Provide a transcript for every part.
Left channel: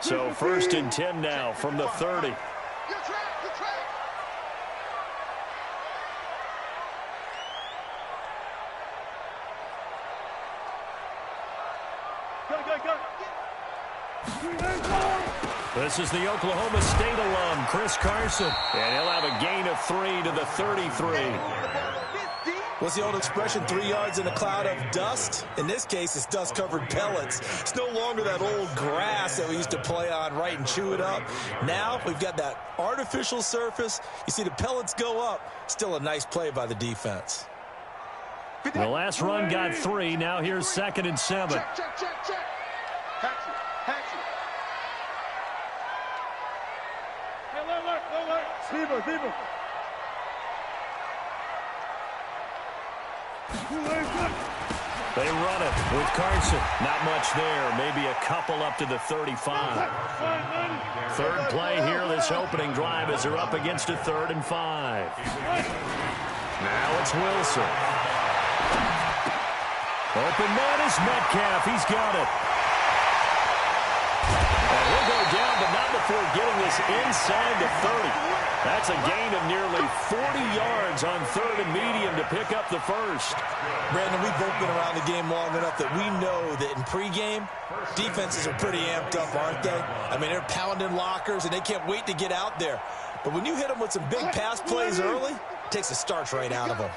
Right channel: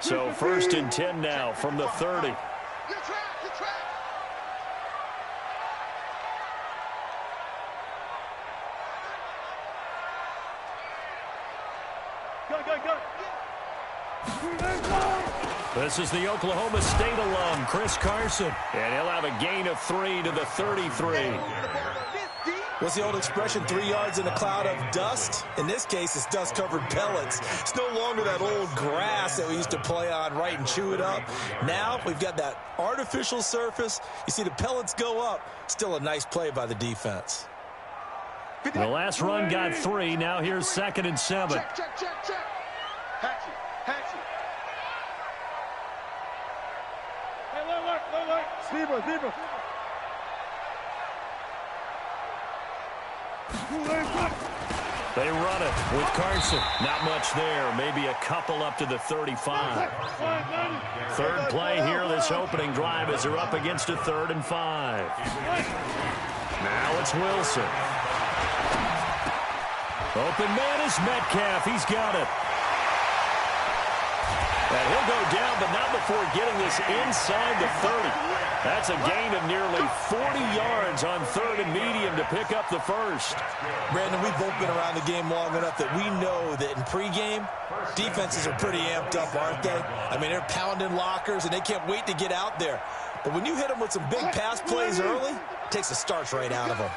So 1st and 10 now from the 30. This is the Oklahoma State alum, Chris Carson. And he'll have a gain of 3 to the 33. What's the old expression, 3 yards in a cloud of dust? In this case, it's dust-covered pellets. It's no longer that old grass that we used to play on, right, and chew it up. Now we've got that artificial surface. You see the pellets go up. Still a nice play by the defense. The last run got 3. Now here's 2nd and 7. Check. Hatchet. Hey, look. Zebra. They run it with Carson. Not much there. Maybe a couple up to the 35. Third play here this opening drive as they're up against a 3rd and 5. Now it's Wilson. Open man is Metcalf. He's got it. And he'll go down, but not before getting this inside the 30. That's a gain of nearly 40 yards on 3rd and medium to pick up the first. Brandon, we've both been around the game long enough that we know that in pregame, defenses are pretty amped up, aren't they? I mean, they're pounding lockers, and they can't wait to get out there. But when you hit them with some big pass plays early, it takes the starch right out of them.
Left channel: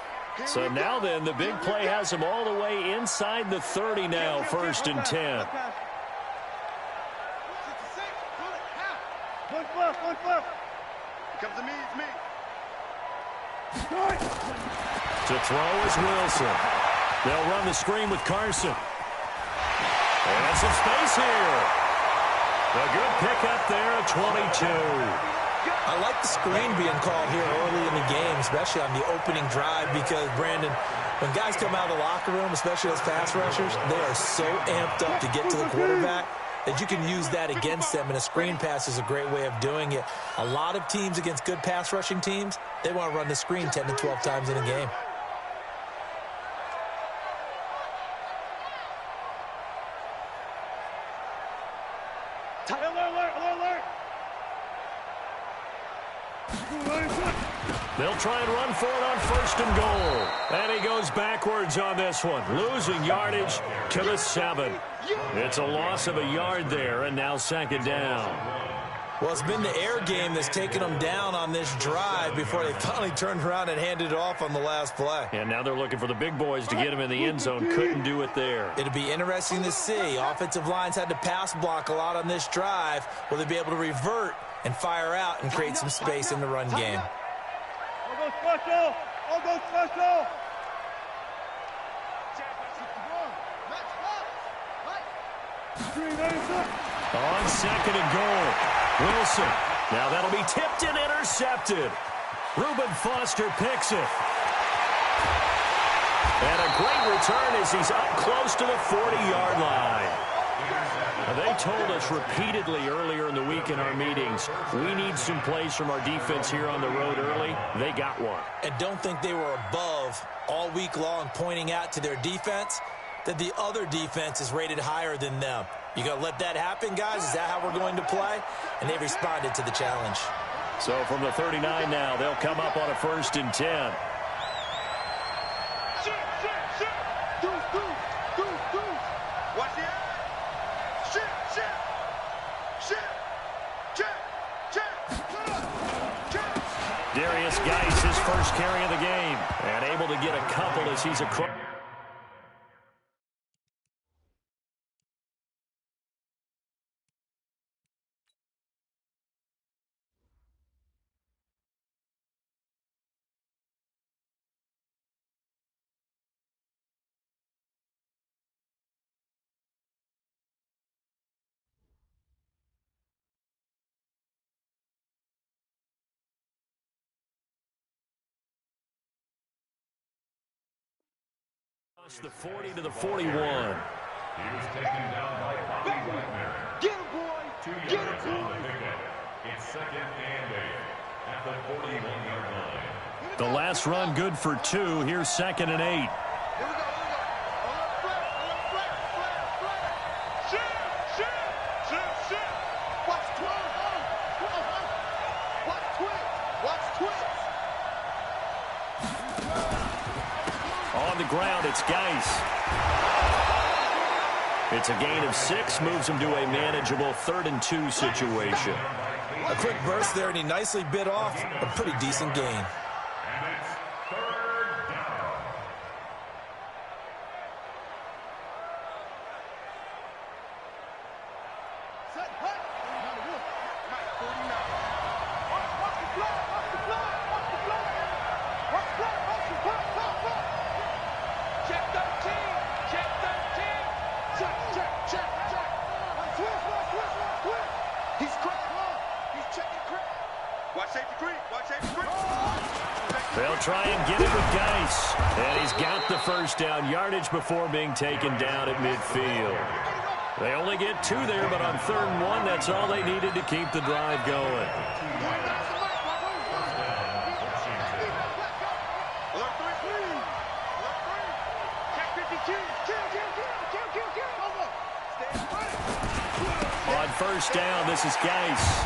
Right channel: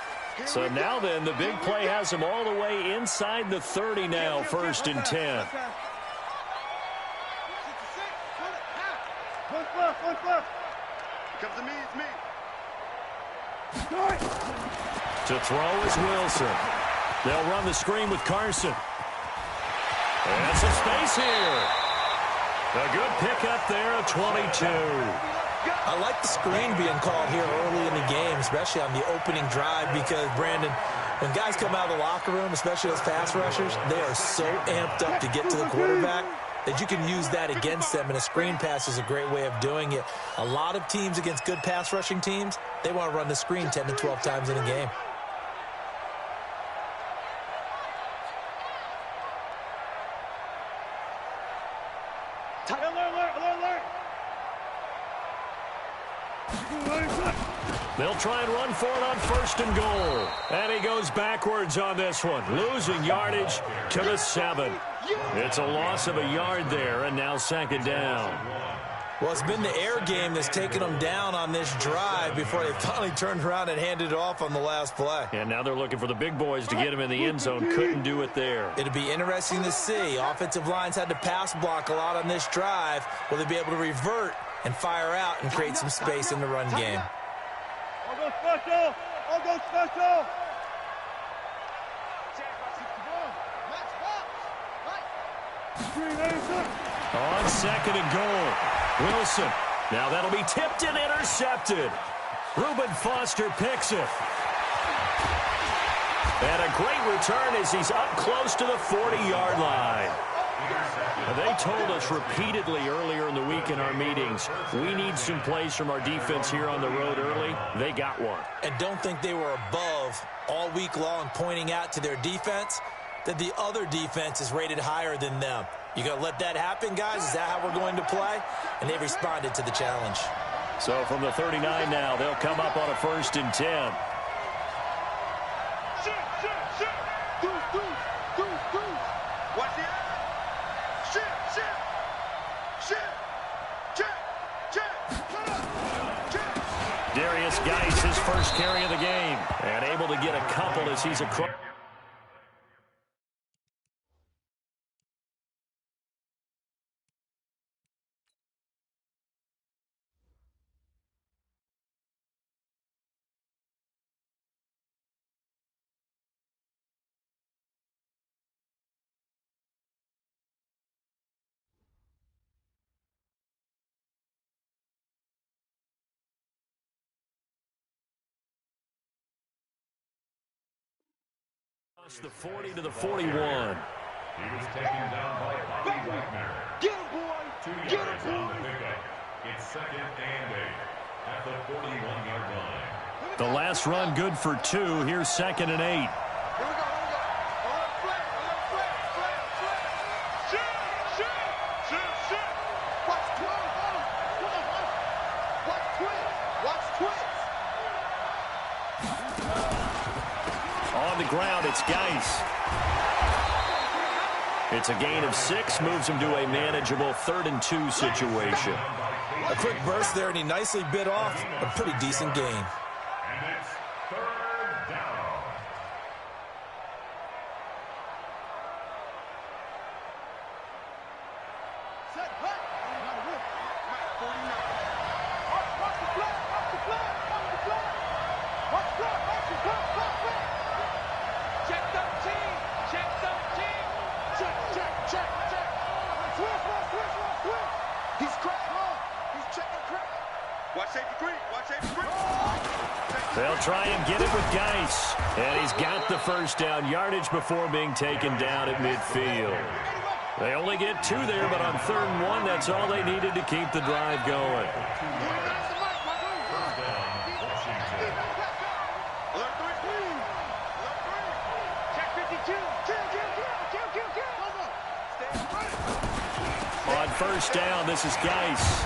So now then, the big play has them all the way inside the 30 now, 1st and 10. Comes to me, it's me. To throw is Wilson. They'll run the screen with Carson. And some space here. A good pickup there at 22. I like the screen being called here early in the game, especially on the opening drive, because, Brandon, when guys come out of the locker room, especially those pass rushers, they are so amped up to get to the quarterback that you can use that against them, and a screen pass is a great way of doing it. A lot of teams against good pass rushing teams, they want to run the screen 10 to 12 times in a game. Alert! They'll try and run for it on 1st and goal. And he goes backwards on this one, losing yardage to the 7. It's a loss of a yard there, and now 2nd down. Well, it's been the air game that's taken them down on this drive before they finally turned around and handed it off on the last play. And now they're looking for the big boys to get him in the end zone. Couldn't do it there. It'll be interesting to see. Offensive lines had to pass block a lot on this drive. Will they be able to revert and fire out and create some space in the run game? All go special! On 2nd and goal, Wilson. Now that'll be tipped and intercepted. Reuben Foster picks it. And a great return as he's up close to the 40-yard line. They told us repeatedly earlier in the week in our meetings, we need some plays from our defense here on the road early. They got one. And don't think they were above all week long, pointing out to their defense that the other defense is rated higher than them. You going to let that happen, guys? Is that how we're going to play? And they responded to the challenge. So from the 39 now, they'll come up on a 1st and 10. Watch the eye. Check. Darius Geis, his first carry of the game, and able to get a couple as he's across. The 40 to the 41. He was taken down by Bobby Wagner. Get him, boy! 2 yards on the pickup. It's 2nd and 8 at the 41-yard line. The last run good for 2. Here's 2nd and 8. Here we go. Alert flare. Shoot! Watch twins. Watch twins. Watch twins. On the ground, it's Geis. It's a gain of 6, moves him to a manageable 3rd and 2 situation. A quick burst there, and he nicely bit off a pretty decent gain. And it's 3rd down. Set, hut. Now the wolf. Mike 49. Watch the flag. Watch the flag. Watch the flag. Watch the flag. Watch the flag. Check 13. Check 13. Check. Switch. He's cracked. He's checking crack. Watch safety creep. Watch safety creep. They'll try and get it with Geis. And he's got the first down yardage before being taken down at midfield. They only get 2 there, but on 3rd and 1, that's all they needed to keep the drive going. Alert 3, please. Alert 3. Check 52. Kill. Stand ready. On first down, this is Geis.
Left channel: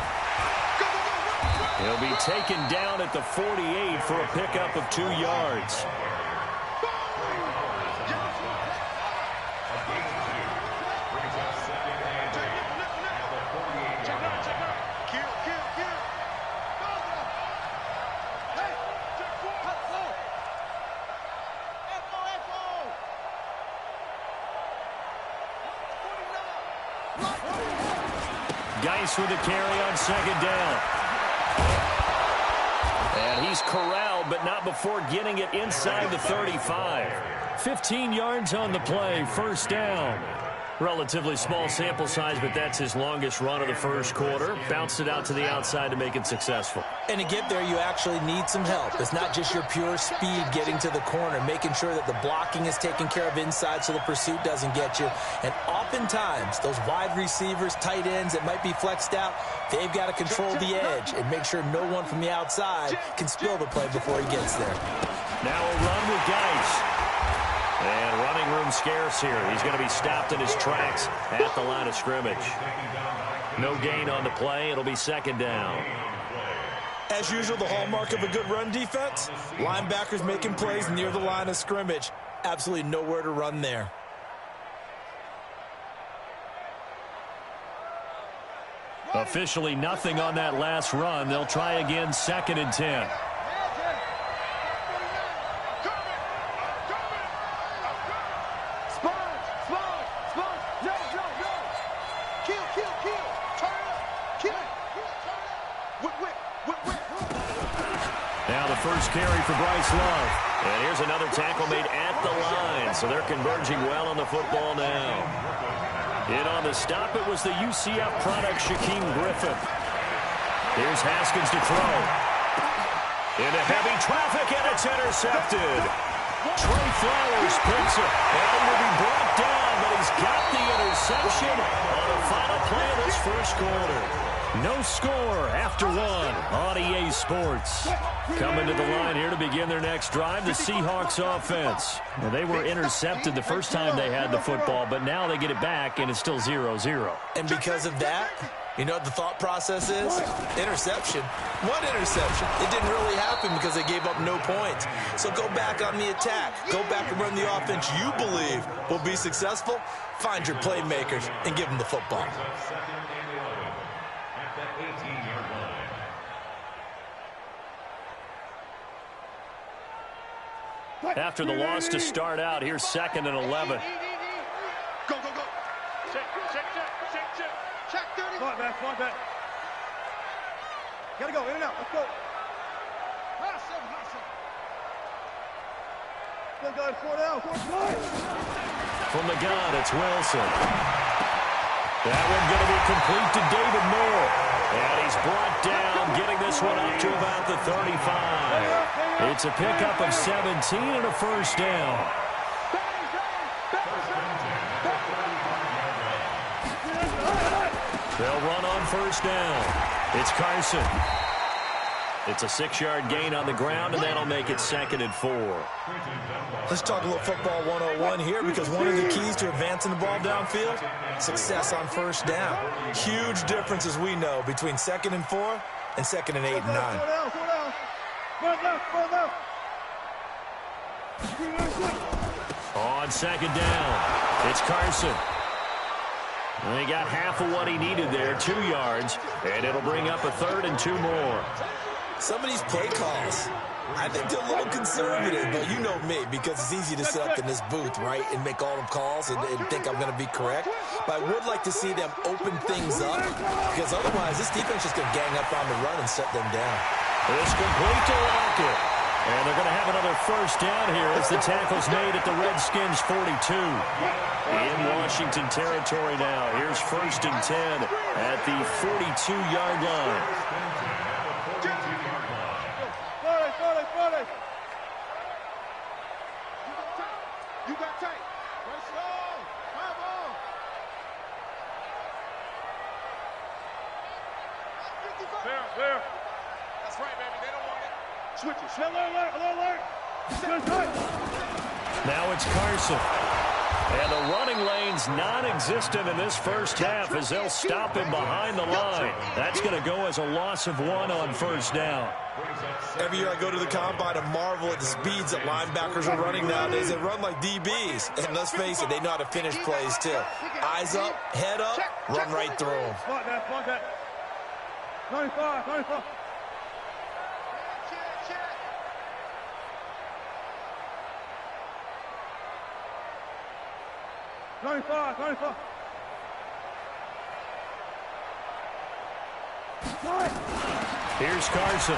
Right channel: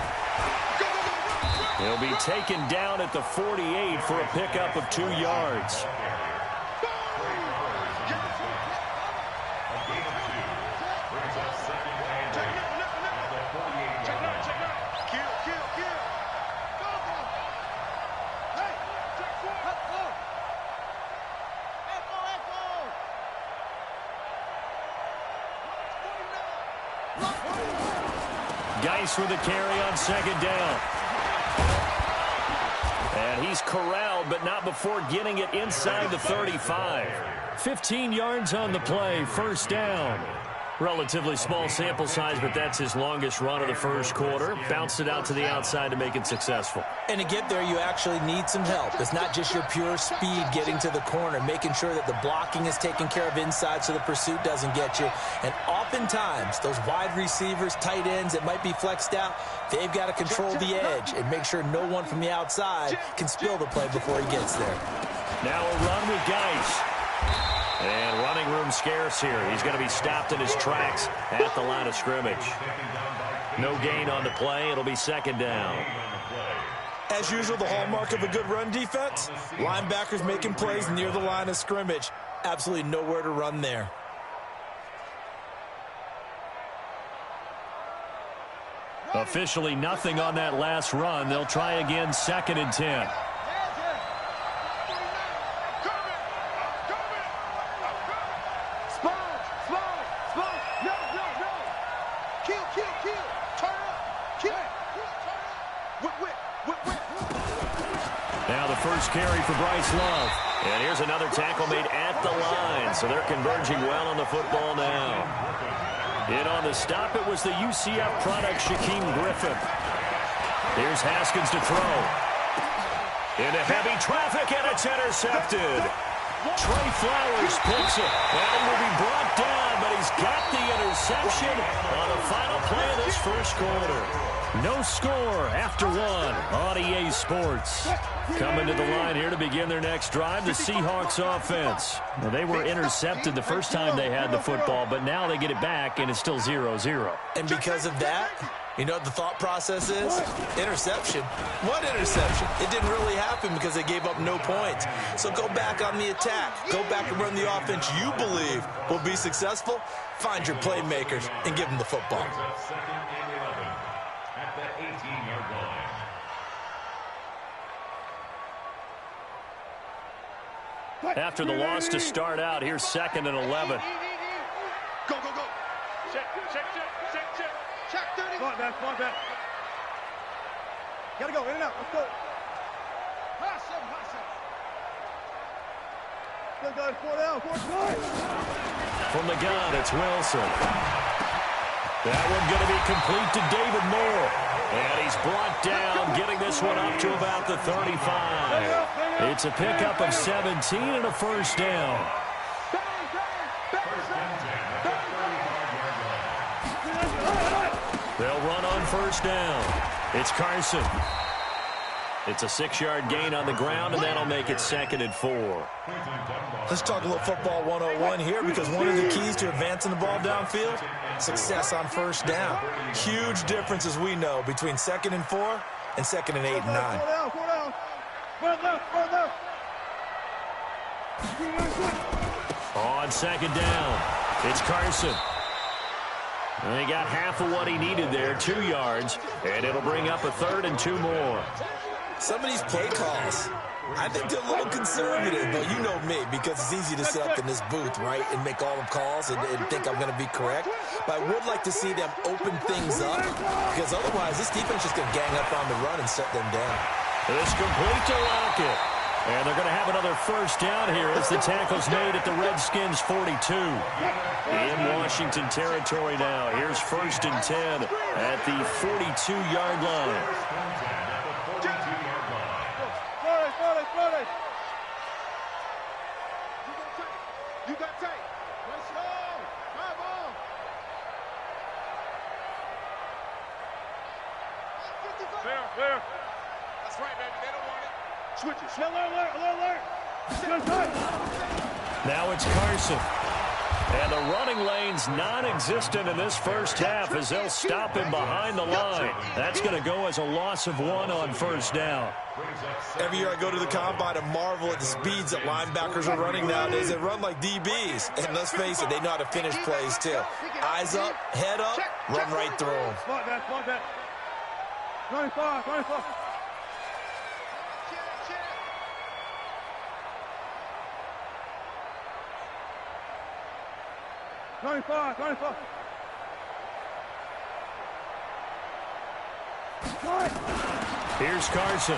Go. He'll be taken down at the 48 for a pickup of 2 yards. Brings up 2nd and 8 at the 48. Check 9. Kill. Go. Hey, check 4. Go. Echo. 49. Geis with a carry on 2nd down. And he's corralled, but not before getting it inside the 35. 15 yards on the play, 1st down. Relatively small sample size, but that's his longest run of the first quarter. Bounced it out to the outside to make it successful. And to get there, you actually need some help. It's not just your pure speed getting to the corner, making sure that the blocking is taken care of inside so the pursuit doesn't get you. And oftentimes, those wide receivers, tight ends that might be flexed out, they've got to control the edge and make sure no one from the outside can spill the play before he gets there. Now a run with Geis. And running room scarce here. He's going to be stopped in his tracks at the line of scrimmage. No gain on the play. It'll be 2nd down. As usual, the hallmark of a good run defense, linebackers making plays near the line of scrimmage. Absolutely nowhere to run there. Officially nothing on that last run. They'll try again, 2nd and 10. Now the first carry for Bryce Love. And here's another tackle made at the line. So they're converging well on the football now. In on the stop, it was the UCF product, Shaquem Griffin. Here's Haskins to throw. Into heavy traffic, and it's intercepted. Trey Flowers picks it. And he will be brought down, but he's got the interception on the final play of this first quarter. No score after 1 on EA Sports. Coming to the line here to begin their next drive, the Seahawks offense. Now, they were intercepted the first time they had the football, but now they get it back, and it's still 0-0. And because of that, you know what the thought process is? Interception. What interception? It didn't really happen because they gave up no points. So go back on the attack. Go back and run the offense you believe will be successful. Find your playmakers and give them the football. 2nd and 11 at that 18-yard line. After the loss to start out, here's 2nd and 11. Go. Check 30. Come on, man. Gotta go, in and out. Let's go. High seven. Still going 4 down. 4 From the gun, it's Wilson. That one going to be complete to David Moore. And he's brought down, getting this one up to about the 35. It's a pickup of 17 and a first down. They'll run on first down. It's Carson. It's a 6-yard gain on the ground, and that'll make it 2nd and 4. Let's talk a little football 101 here, because one of the keys to advancing the ball downfield success on first down. Huge difference, as we know, between 2nd and 4 and 2nd and 8 and 9. On 2nd down, it's Carson. And he got half of what he needed there, 2 yards, and it'll bring up a 3rd and 2 more. Some of these play calls, I think they're a little conservative, but you know me, because it's easy to sit up in this booth, right, and make all the calls and think I'm going to be correct. But I would like to see them open things up, because otherwise this defense is going to gang up on the run and shut them down. It's complete to Lockett. And they're going to have another first down here as the tackle's made at the Redskins' 42. In Washington territory now. Here's 1st and 10 at the 42-yard line. You got tight. Right slow. Come on. 55. Clear. That's right, baby. They don't want it. Switch it. Alert. Now it's Carson. And the running lane's non-existent in this first half as they'll stop him behind the line. That's going to go as a loss of 1 on first down. Every year I go to the combine and marvel at the speeds that linebackers are running nowadays. They run like DBs. And let's face it, they know how to finish plays too. Eyes up, head up, run right through them. Spot that. 95. Check. 95. Here's Carson.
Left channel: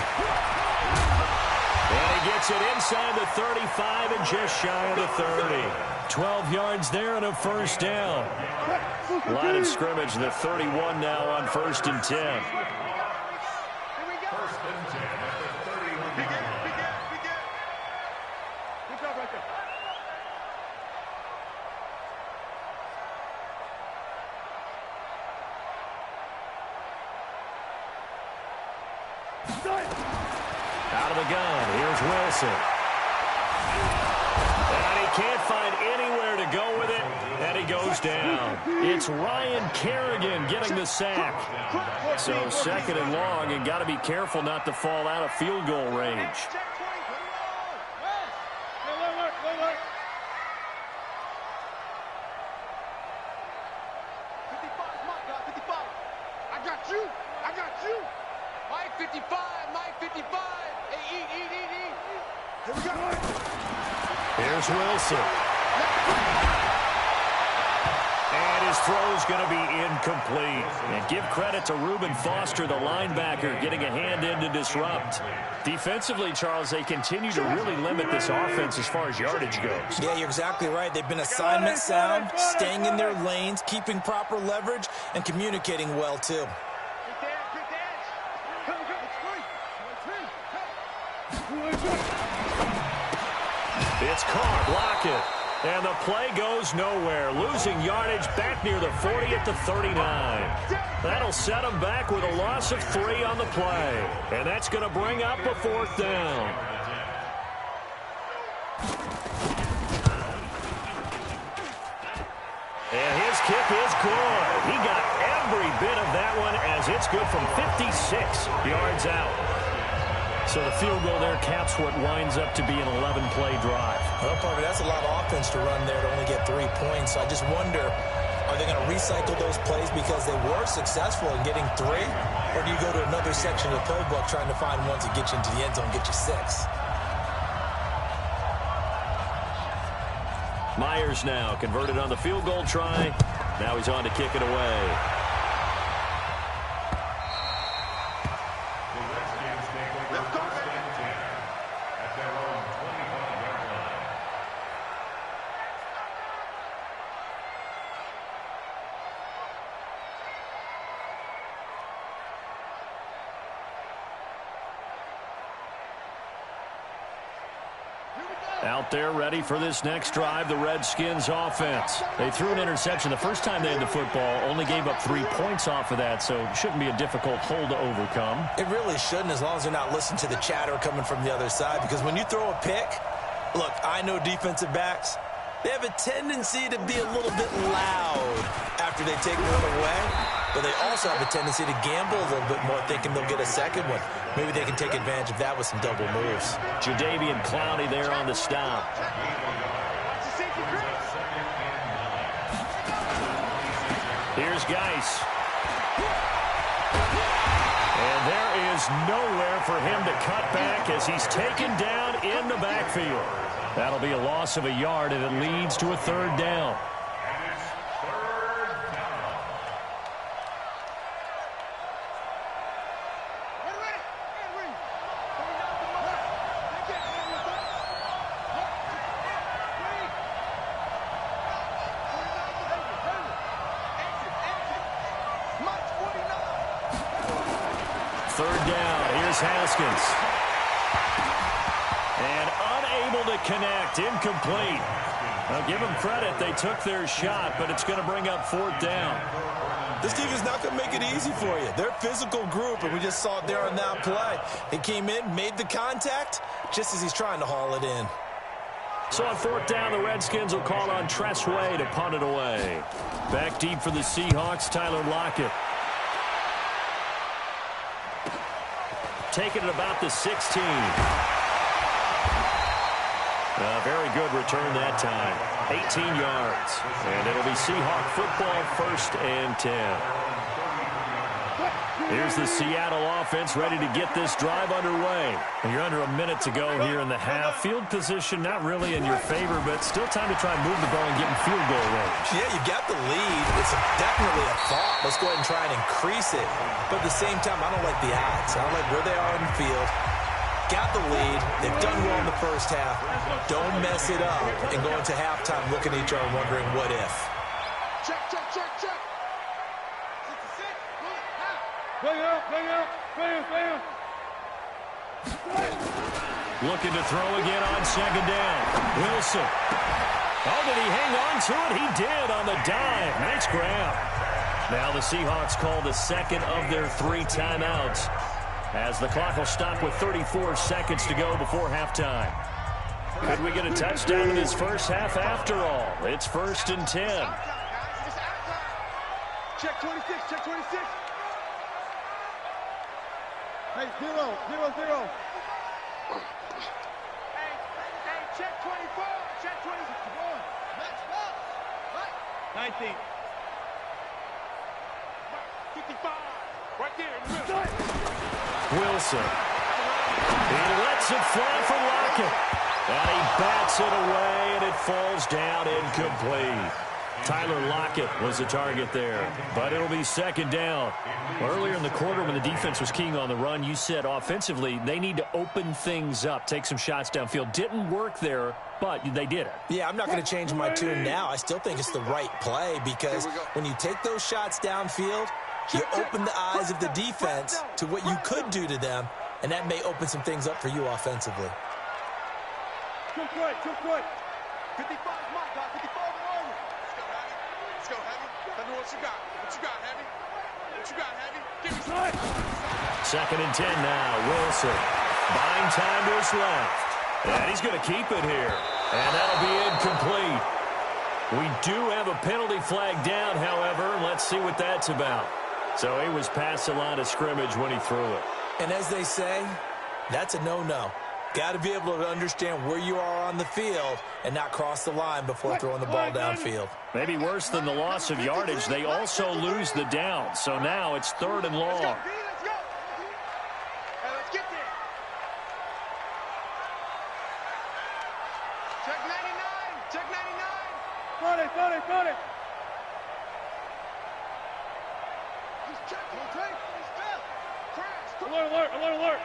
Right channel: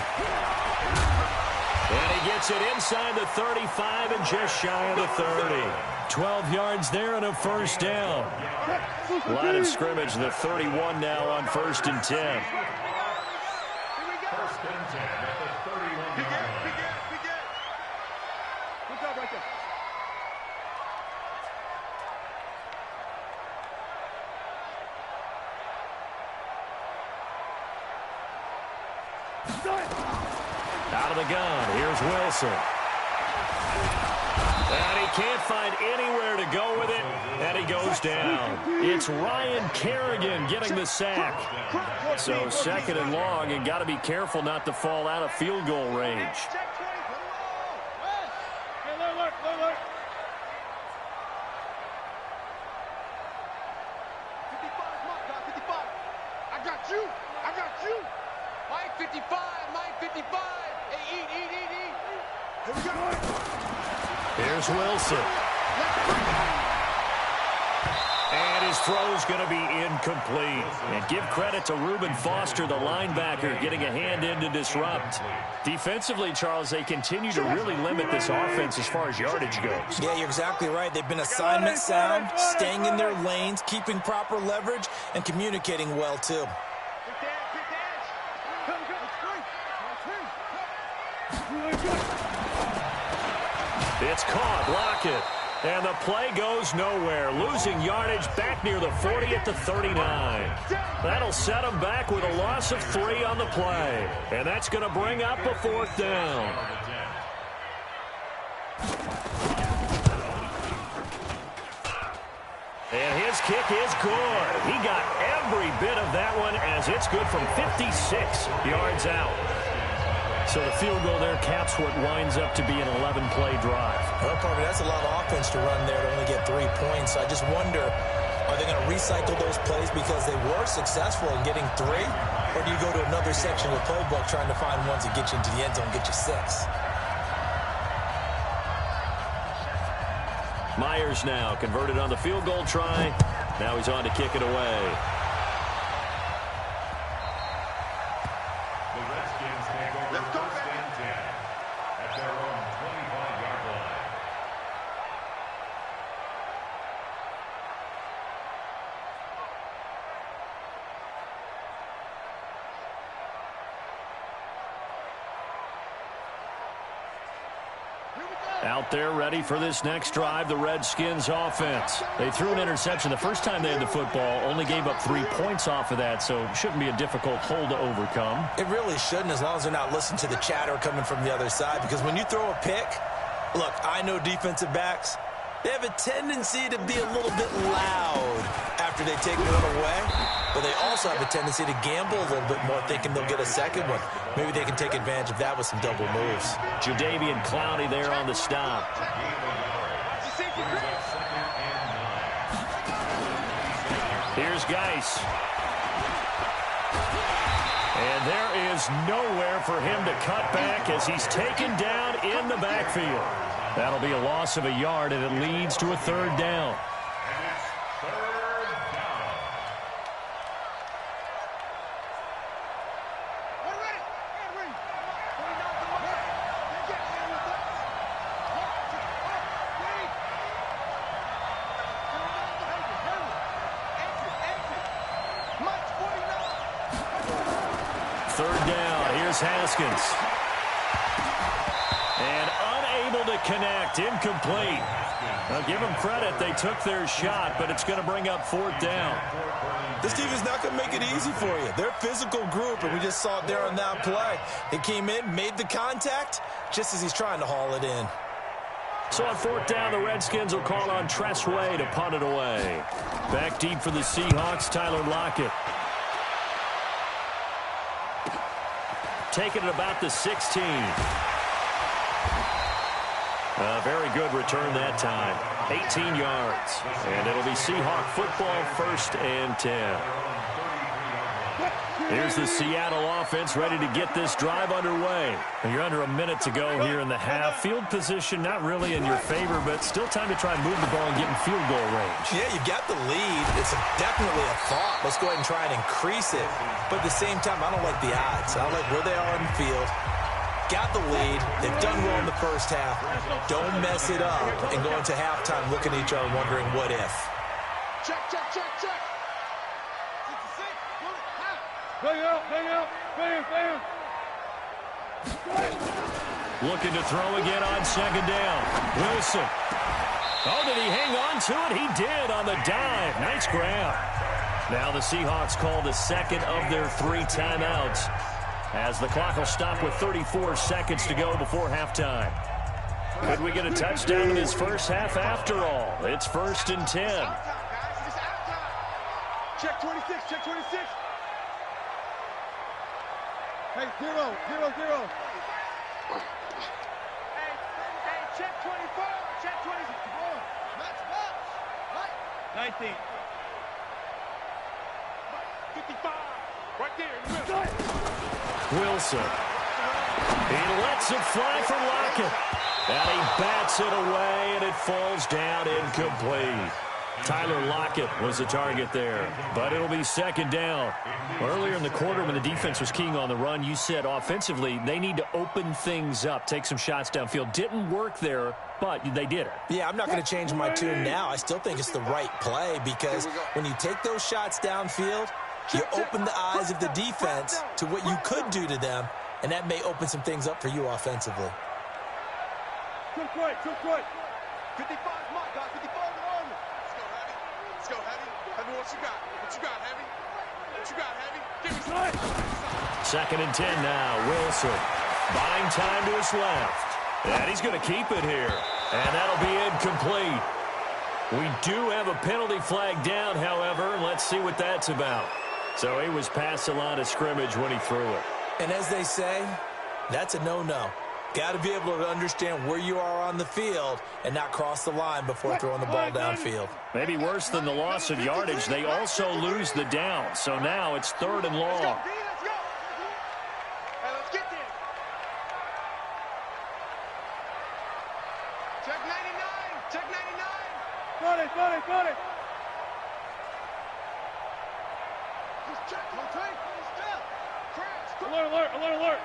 And he gets it inside the 35 and just shy of the 30. 12 yards there and a first down. Line of scrimmage, the 31 now on 1st and 10. First and 10 at the 31-yard line. Begin. Good job right there. Out of the gun, here's Wilson. And he can't find anywhere to go with it, and he goes down. It's Ryan Kerrigan getting the sack. So 2nd and long, and got to be careful not to fall out of field goal range. Alert. 55 is Mike, guys. 55. I got you. Mike 55. Hey, eat. Here we go. Here's Wilson. And his throw's going to be incomplete. And give credit to Reuben Foster, the linebacker, getting a hand in to disrupt. Defensively, Charles, they continue to really limit this offense as far as yardage goes. Yeah, you're exactly right. They've been assignment sound, staying in their lanes, keeping proper leverage, and communicating well, too. It's caught, Lockett. And the play goes nowhere. Losing yardage back near the 40 at the 39. That'll set them back with a loss of 3 on the play. And that's going to bring up a 4th down. And his kick is good. He got every bit of that one as it's good from 56 yards out. So the field goal there caps what winds up to be an 11-play drive. Well, partner, that's a lot of offense to run there to only get 3 points. So I just wonder, are they going to recycle those plays because they were successful in getting 3? Or do you go to another section of the playbook trying to find ones that get you into the end zone, get you 6? Myers now converted on the field goal try. Now he's on to kick it away. The Redskins take over 1st and 10 at their own 25-yard line. Out there ready for this next drive, the Redskins offense. They threw an interception the first time they had the football, only gave up 3 points off of that, so shouldn't be a difficult hole to overcome. It really shouldn't, as long as they're not listening to the chatter coming from the other side, because when you throw a pick, look, I know defensive backs, They have a tendency to be a little bit loud after they take one away, but they also have a tendency to gamble a little bit more, thinking they'll get a second one. Maybe they can take advantage of that with some double moves. Jadeveon Clowney there on the stop. Here's Geis. And there is nowhere for him to cut back as he's taken down in the backfield. That'll be a loss of a yard, and it leads to a third down. And it's third down. Ready. And read. 49 to Murray. They get in with us. Read. 49 to Henry. Exit. Mike's 49. Third down. Here's Haskins. And unable to connect. Incomplete. Now, give them credit. They took their shot, but it's going to bring up fourth down. This team is not going to make it easy for you. They're a physical group, and we just saw it there on that play. They came in, made the contact, just as he's trying to haul it in. So on fourth down, the Redskins will call on Tress Way to punt it away. Back deep for the Seahawks, Tyler Lockett. Taking it about the 16. A very good return that time. 18 yards. And it'll be Seahawk football, 1st and 10. Here's the Seattle offense ready to get this drive underway. And you're under a minute to go here in the half. Field position not really in your favor, but still time to try and move the ball and get in field goal range. Yeah, you've got the lead. It's definitely a thought. Let's go ahead and try and increase it. But at the same time, I don't like the odds. I don't like where they are in the field. Got the lead. They've done well in the first half. Don't mess it up and go into halftime looking at each other wondering what if. Check. 66. Bullet. Half. Bang out. Looking to throw again on second down. Wilson. Oh, did he hang on to it? He did on the dive. Nice grab. Now the Seahawks call the second of their 3 timeouts, as the clock will stop with 34 seconds to go before halftime. Could we get a touchdown in this first half after all? It's 1st and 10. Out time, guys. It's out time. Check 26. Hey, 0. Hey, check 24. Check 24. Max box. Right. 19. 55. Right there in the middle. Wilson. He lets it fly for Lockett. And he bats it away, and it falls down incomplete. Tyler Lockett was the target there, but it'll be second down. Well, earlier in the quarter when the defense was keying on the run, you said offensively they need to open things up, take some shots downfield. Didn't work there, but they did it. Yeah, I'm not going to change my tune now. I still think it's the right play because when you take those shots downfield, you open the eyes of the defense to what you could do to them, and that may open some things up for you offensively. Cook right. 55 is my guy. 55 in Army. Let's go, Heavy. Heavy, what you got? Heavy? Give me some. 2nd and 10 now. Wilson buying time to his left. And he's going to keep it here. And that'll be incomplete. We do have a penalty flag down, however. Let's see what that's about. So he was past the line of scrimmage when he threw it. And as they say, that's a no-no. Got to be able to understand where you are on the field and not cross the line before throwing the ball downfield. Maybe worse than the loss of yardage, they also lose the down. So now it's 3rd and long. Let's go. Hey, let's get there. Check 99. Got it. He's checking. He's still. Crash. Alert.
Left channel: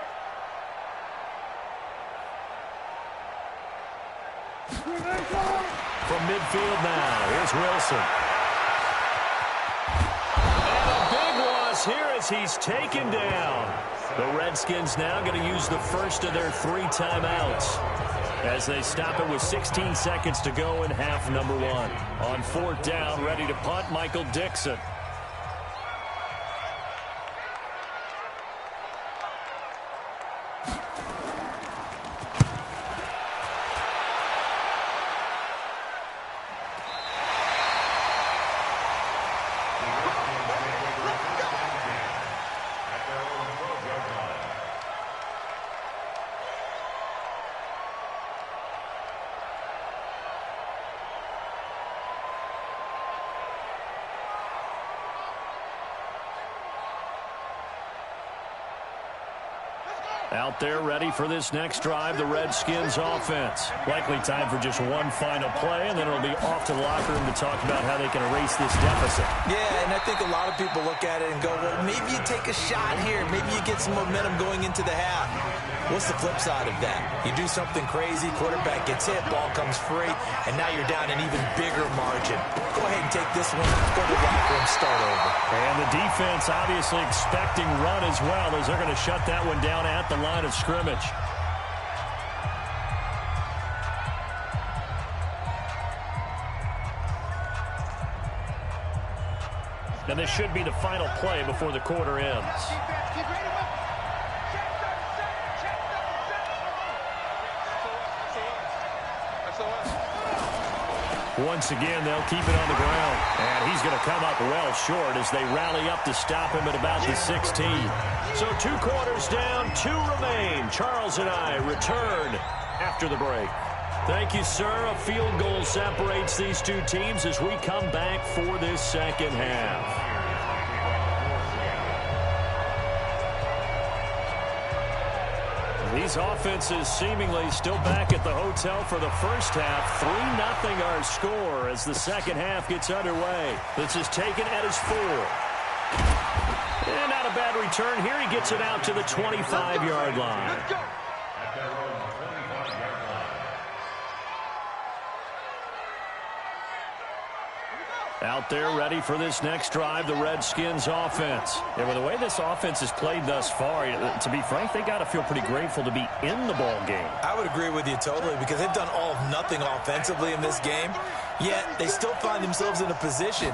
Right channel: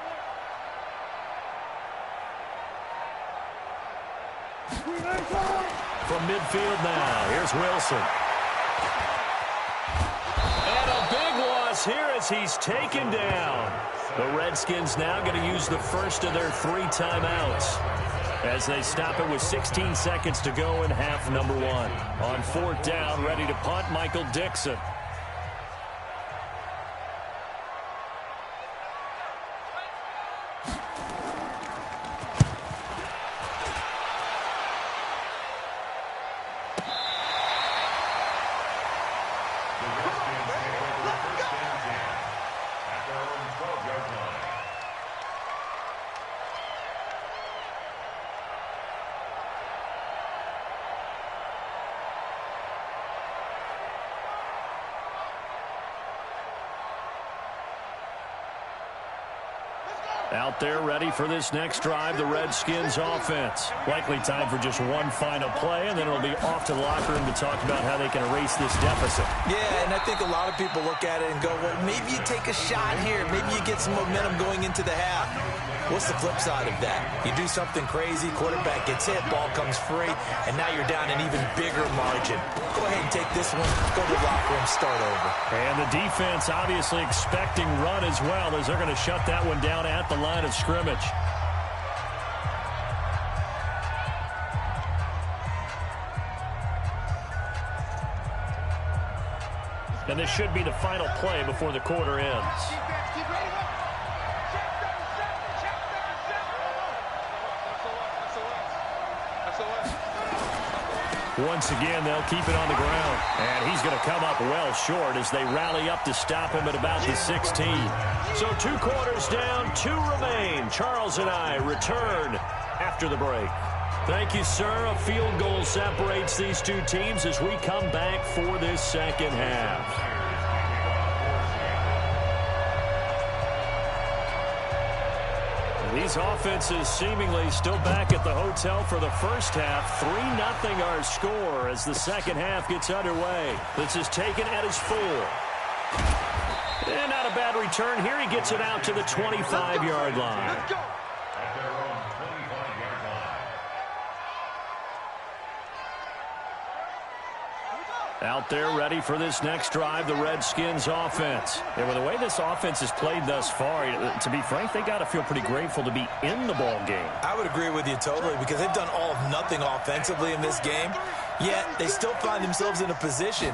From midfield now, here's Wilson. And a big loss here as he's taken down. The Redskins now going to use the first of their 3 timeouts as they stop it with 16 seconds to go in half number 1. On 4th down, ready to punt, Michael Dixon. At their own 12-yard line. Out there ready for this next drive, the Redskins offense. Likely time for just one final play, and then it'll be off to the locker room to talk about how they can erase this deficit. Yeah, and I think a lot of people look at it and go, well, maybe you take a shot here. Maybe you get some momentum going into the half. What's the flip side of that? You do something crazy, quarterback gets hit, ball comes free, and now you're down an even bigger margin. Go ahead and take this one, go to the locker room, start over. And the defense obviously expecting run as well, as they're going to shut that one down at the line of scrimmage. And this should be the final play before the quarter ends. Keep ready. Check 37. Once again, they'll keep it on the ground. And he's going to come up well short as they rally up to stop him at about the 16. So 2 quarters down, 2 remain. Charles and I return after the break. Thank you, sir. A field goal separates these two teams as we come back for this second half. These offenses seemingly still back at the hotel for the first half. 3-0 our score as the second half gets underway. This is taken at his 4. And not a bad return here. He gets it out to the 25-yard line. Let's go. At their own 25-yard line. Out there ready for this next drive, the Redskins offense. And with the way this offense has played thus far, to be frank, they got to feel pretty grateful to be in the ball game. I would agree with you totally because they've done all of nothing offensively in this game, yet they still find themselves in a position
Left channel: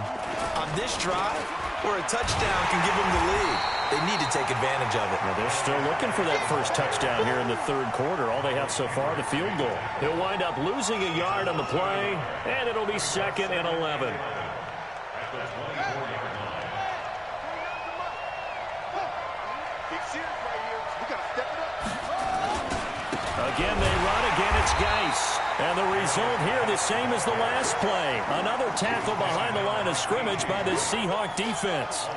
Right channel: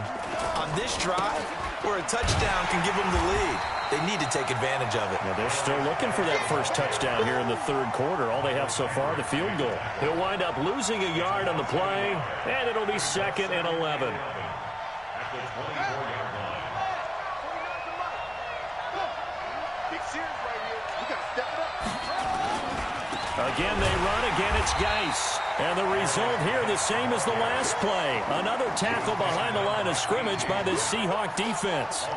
on this drive where a touchdown can give them the lead. They need to take advantage of it. Now they're still looking for that first touchdown here in the third quarter. All they have so far, the field goal. He'll wind up losing a yard on the play, and it'll be 2nd and 11. At the 24-yard line. Big series right here. We got to step it up. Again, they run. Again, it's Geis. And the result here, the same as the last play. Another tackle behind the line of scrimmage by the Seahawk defense.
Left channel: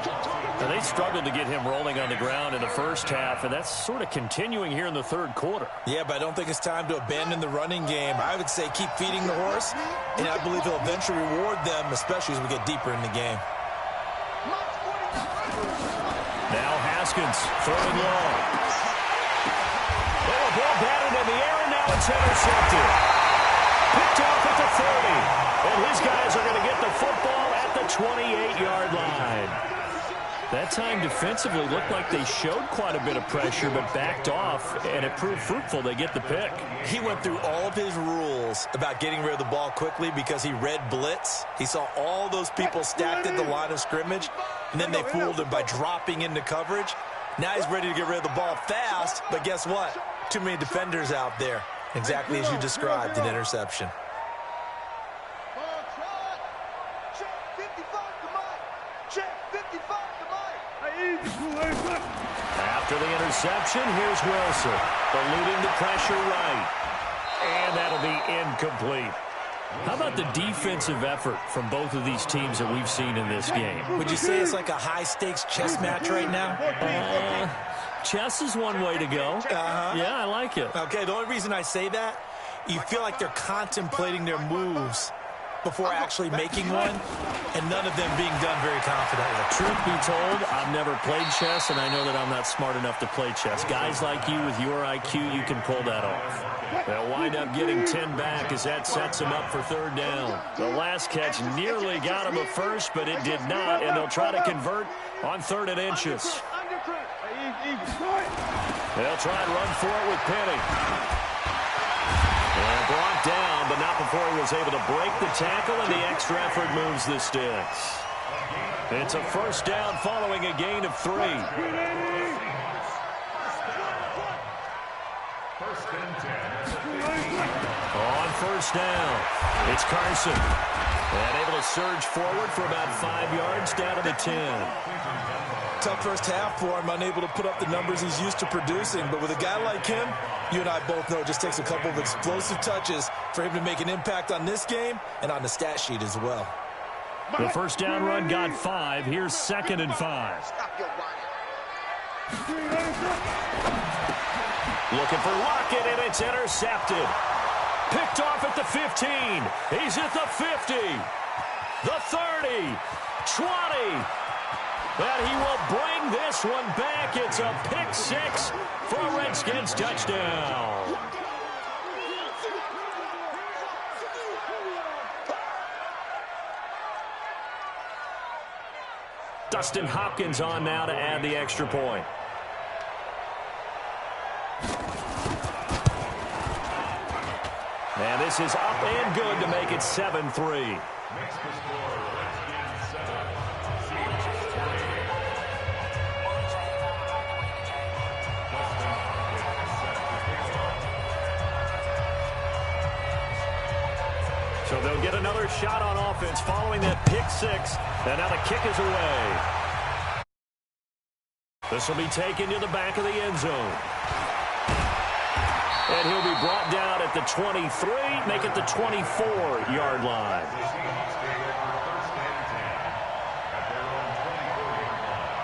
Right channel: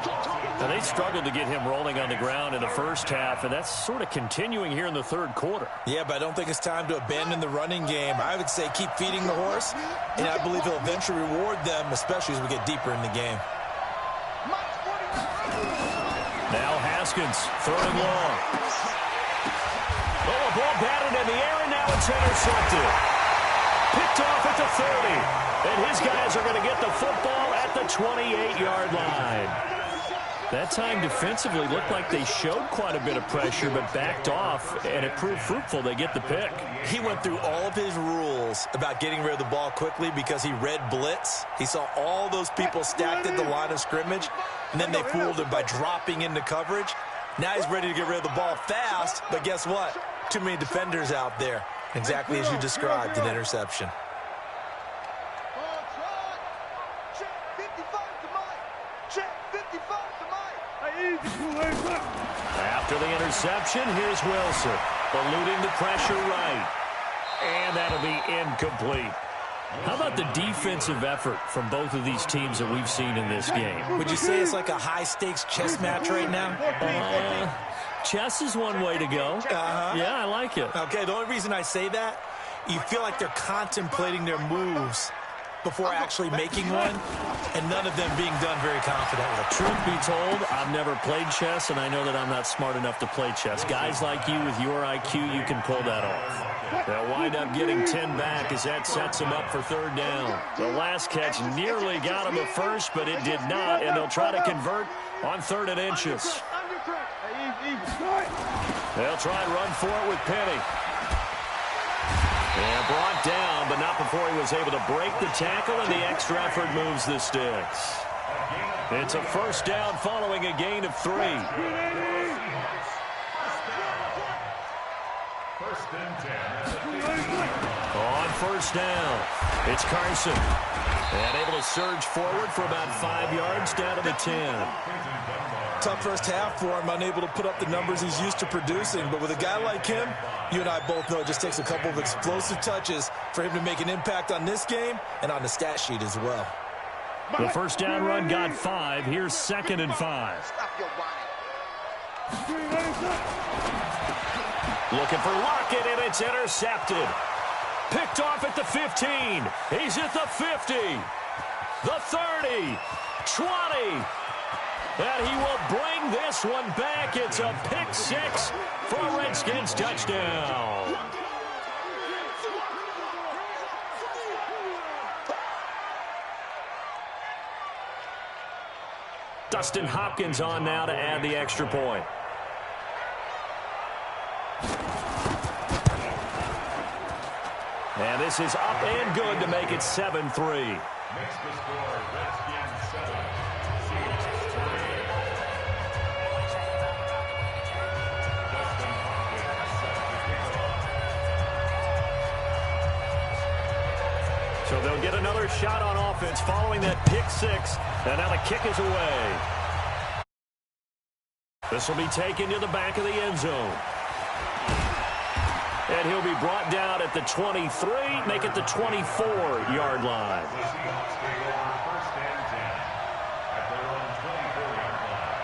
Now, they struggled to get him rolling on the ground in the first half, and that's sort of continuing here in the third quarter. Yeah, but I don't think it's time to abandon the running game. I would say keep feeding the horse, and I believe he'll eventually reward them, especially as we get deeper in the game. Now Haskins, 3rd and long. Oh, a ball batted in the air, and now it's intercepted. Picked off at the 30. And his guys are going to get the football at the 28-yard line. That time defensively looked like they showed quite a bit of pressure but backed off, and it proved fruitful. They get the pick. He went through all of his rules about getting rid of the ball quickly because he read blitz. He saw all those people stacked at the line of scrimmage, and then they fooled him by dropping into coverage. Now he's ready to get rid of the ball fast, but guess what? Too many defenders out there. Exactly as you described, an interception. After the interception, here's Wilson, eluding the pressure right. And that'll be incomplete. How about the defensive effort from both of these teams that we've seen in this game? Would you say it's like a high-stakes chess match right now? Chess is one way to go. Yeah, I like it. Okay, the only reason I say that, you feel like they're contemplating their moves before actually making one, and none of them being done very confidently. Truth be told, I've never played chess, and I know that I'm not smart enough to play chess. Guys like you with your IQ, you can pull that off. They'll wind up getting 10 back as that sets them up for 3rd down. The last catch nearly got them a first, but it did not, and they'll try to convert on 3rd and inches. They'll try and run for it with Penny. And brought down, but not before he was able to break the tackle, and the extra effort moves the sticks. It's a 1st down following a gain of 3. 1st On first down, it's Carson. And able to surge forward for about 5 yards down to the 10. Tough first half for him, unable to put up the numbers he's used to producing. But with a guy like him, you and I both know it just takes a couple of explosive touches for him to make an impact on this game and on the stat sheet as well. The first down run got 5. Here's 2nd and 5. Stop your whining. Looking for Lockett, and it's intercepted. Picked off at the 15. He's at the 50. The 30. 20. And he will bring this one back. It's a pick 6 for a Redskins touchdown. Dustin Hopkins on now to add the extra point. And this is up and good to make it 7-3. Makes the score Redskins 7, Seahawks 28. Dustin Hopkins set to kick off. So they'll get another shot on offense following that pick 6. And now the kick is away. This will be taken to the back of the end zone. And he'll be brought down at the 23, make it the 24-yard line. The Seahawks take over 1st and 10 at their own 24-yard line.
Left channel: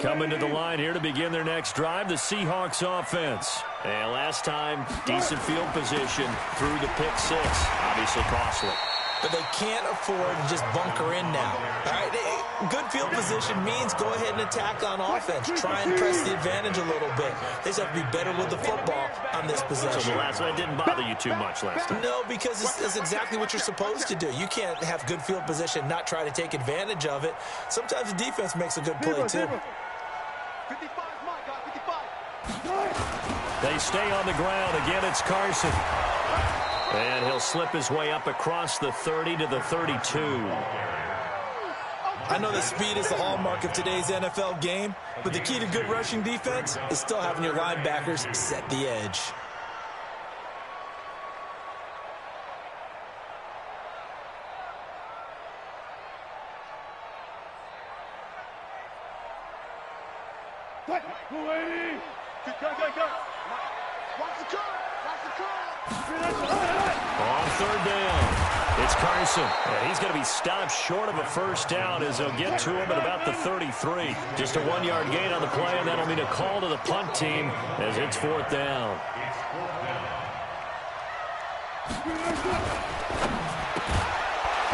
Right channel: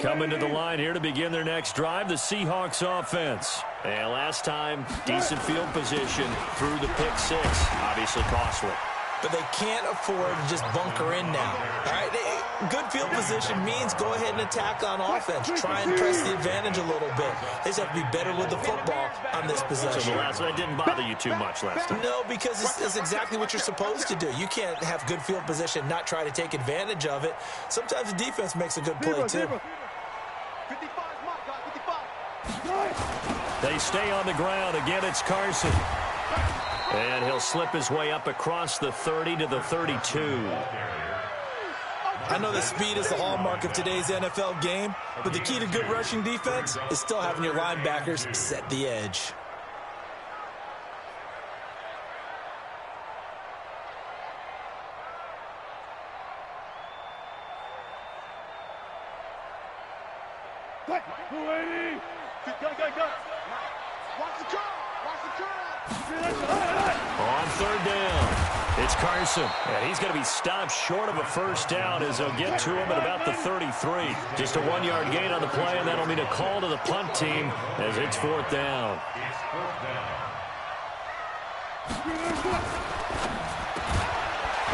Coming to the line here to begin their next drive, the Seahawks offense. And last time, decent field position through the pick 6. Obviously costly. But they can't afford to just bunker in now. All right, good field position means go ahead and attack on offense. Try and press the advantage a little bit. They just have to be better with the football on this possession. So that didn't bother you too much last time? No, because it's exactly what you're supposed to do. You can't have good field position, not try to take advantage of it. Sometimes the defense makes a good play, too. 55 is my guy, 55. They stay on the ground. Again, it's Carson. And he'll slip his way up across the 30 to the 32. I know that speed is the hallmark of today's NFL game, but the key to good rushing defense is still having your linebackers set the edge. Go. Watch the curl. Watch the curl. On 3rd down, it's Carson. And he's going to be stopped short of a first down as they'll get to him at about the 33. Just a 1-yard gain on the play, and that'll mean a call to the punt team as it's 4th down. It's 4th down.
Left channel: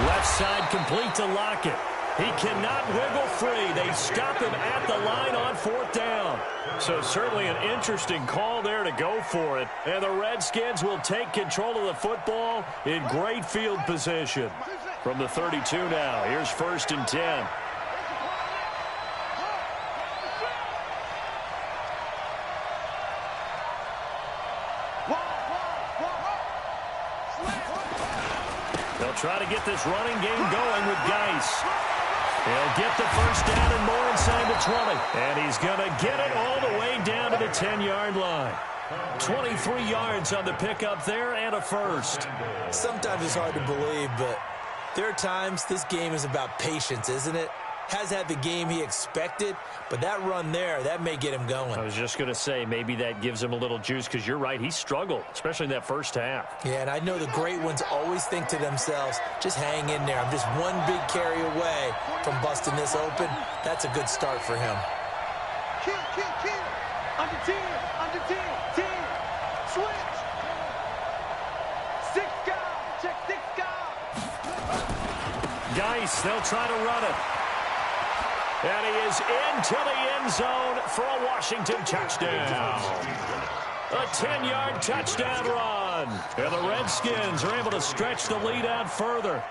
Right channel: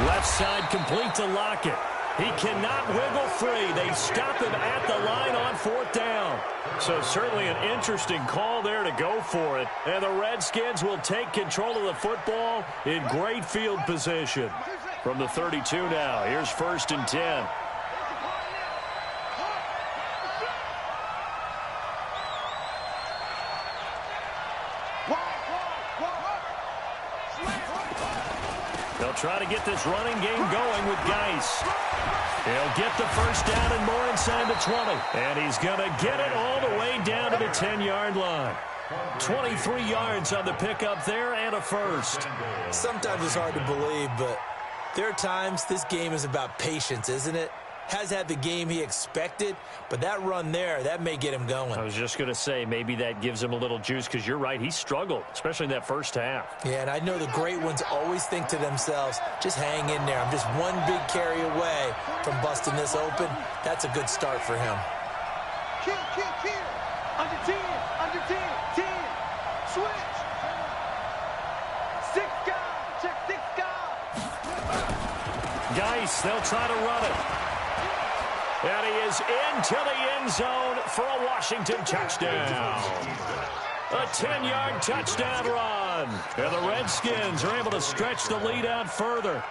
Left side complete to Lockett. He cannot wiggle free. They stop him at the line on 4th down. So certainly an interesting call there to go for it. And the Redskins will take control of the football in great field position. From the 32 now, here's 1st and 10. They'll try to get this running game going with Geis. He'll get the first down and more inside the 20. And he's going to get it all the way down to the 10-yard line. 23 yards on the pickup there and a first. Sometimes it's hard to believe, but there are times this game is about patience, isn't it? Has had the game he expected, but that run there, that may get him going. I was just going to say, maybe that gives him a little juice, because you're right, he struggled, especially in that first half. Yeah, and I know the great ones always think to themselves, just hang in there. I'm just one big carry away from busting this open. That's a good start for him. Kill. Under 10. 10. Switch. 6 guys. Check 6 guys. Geis, they'll try to run it. And he is into the end zone for a Washington touchdown. A 10-yard touchdown run. And the Redskins are able to stretch the lead out further.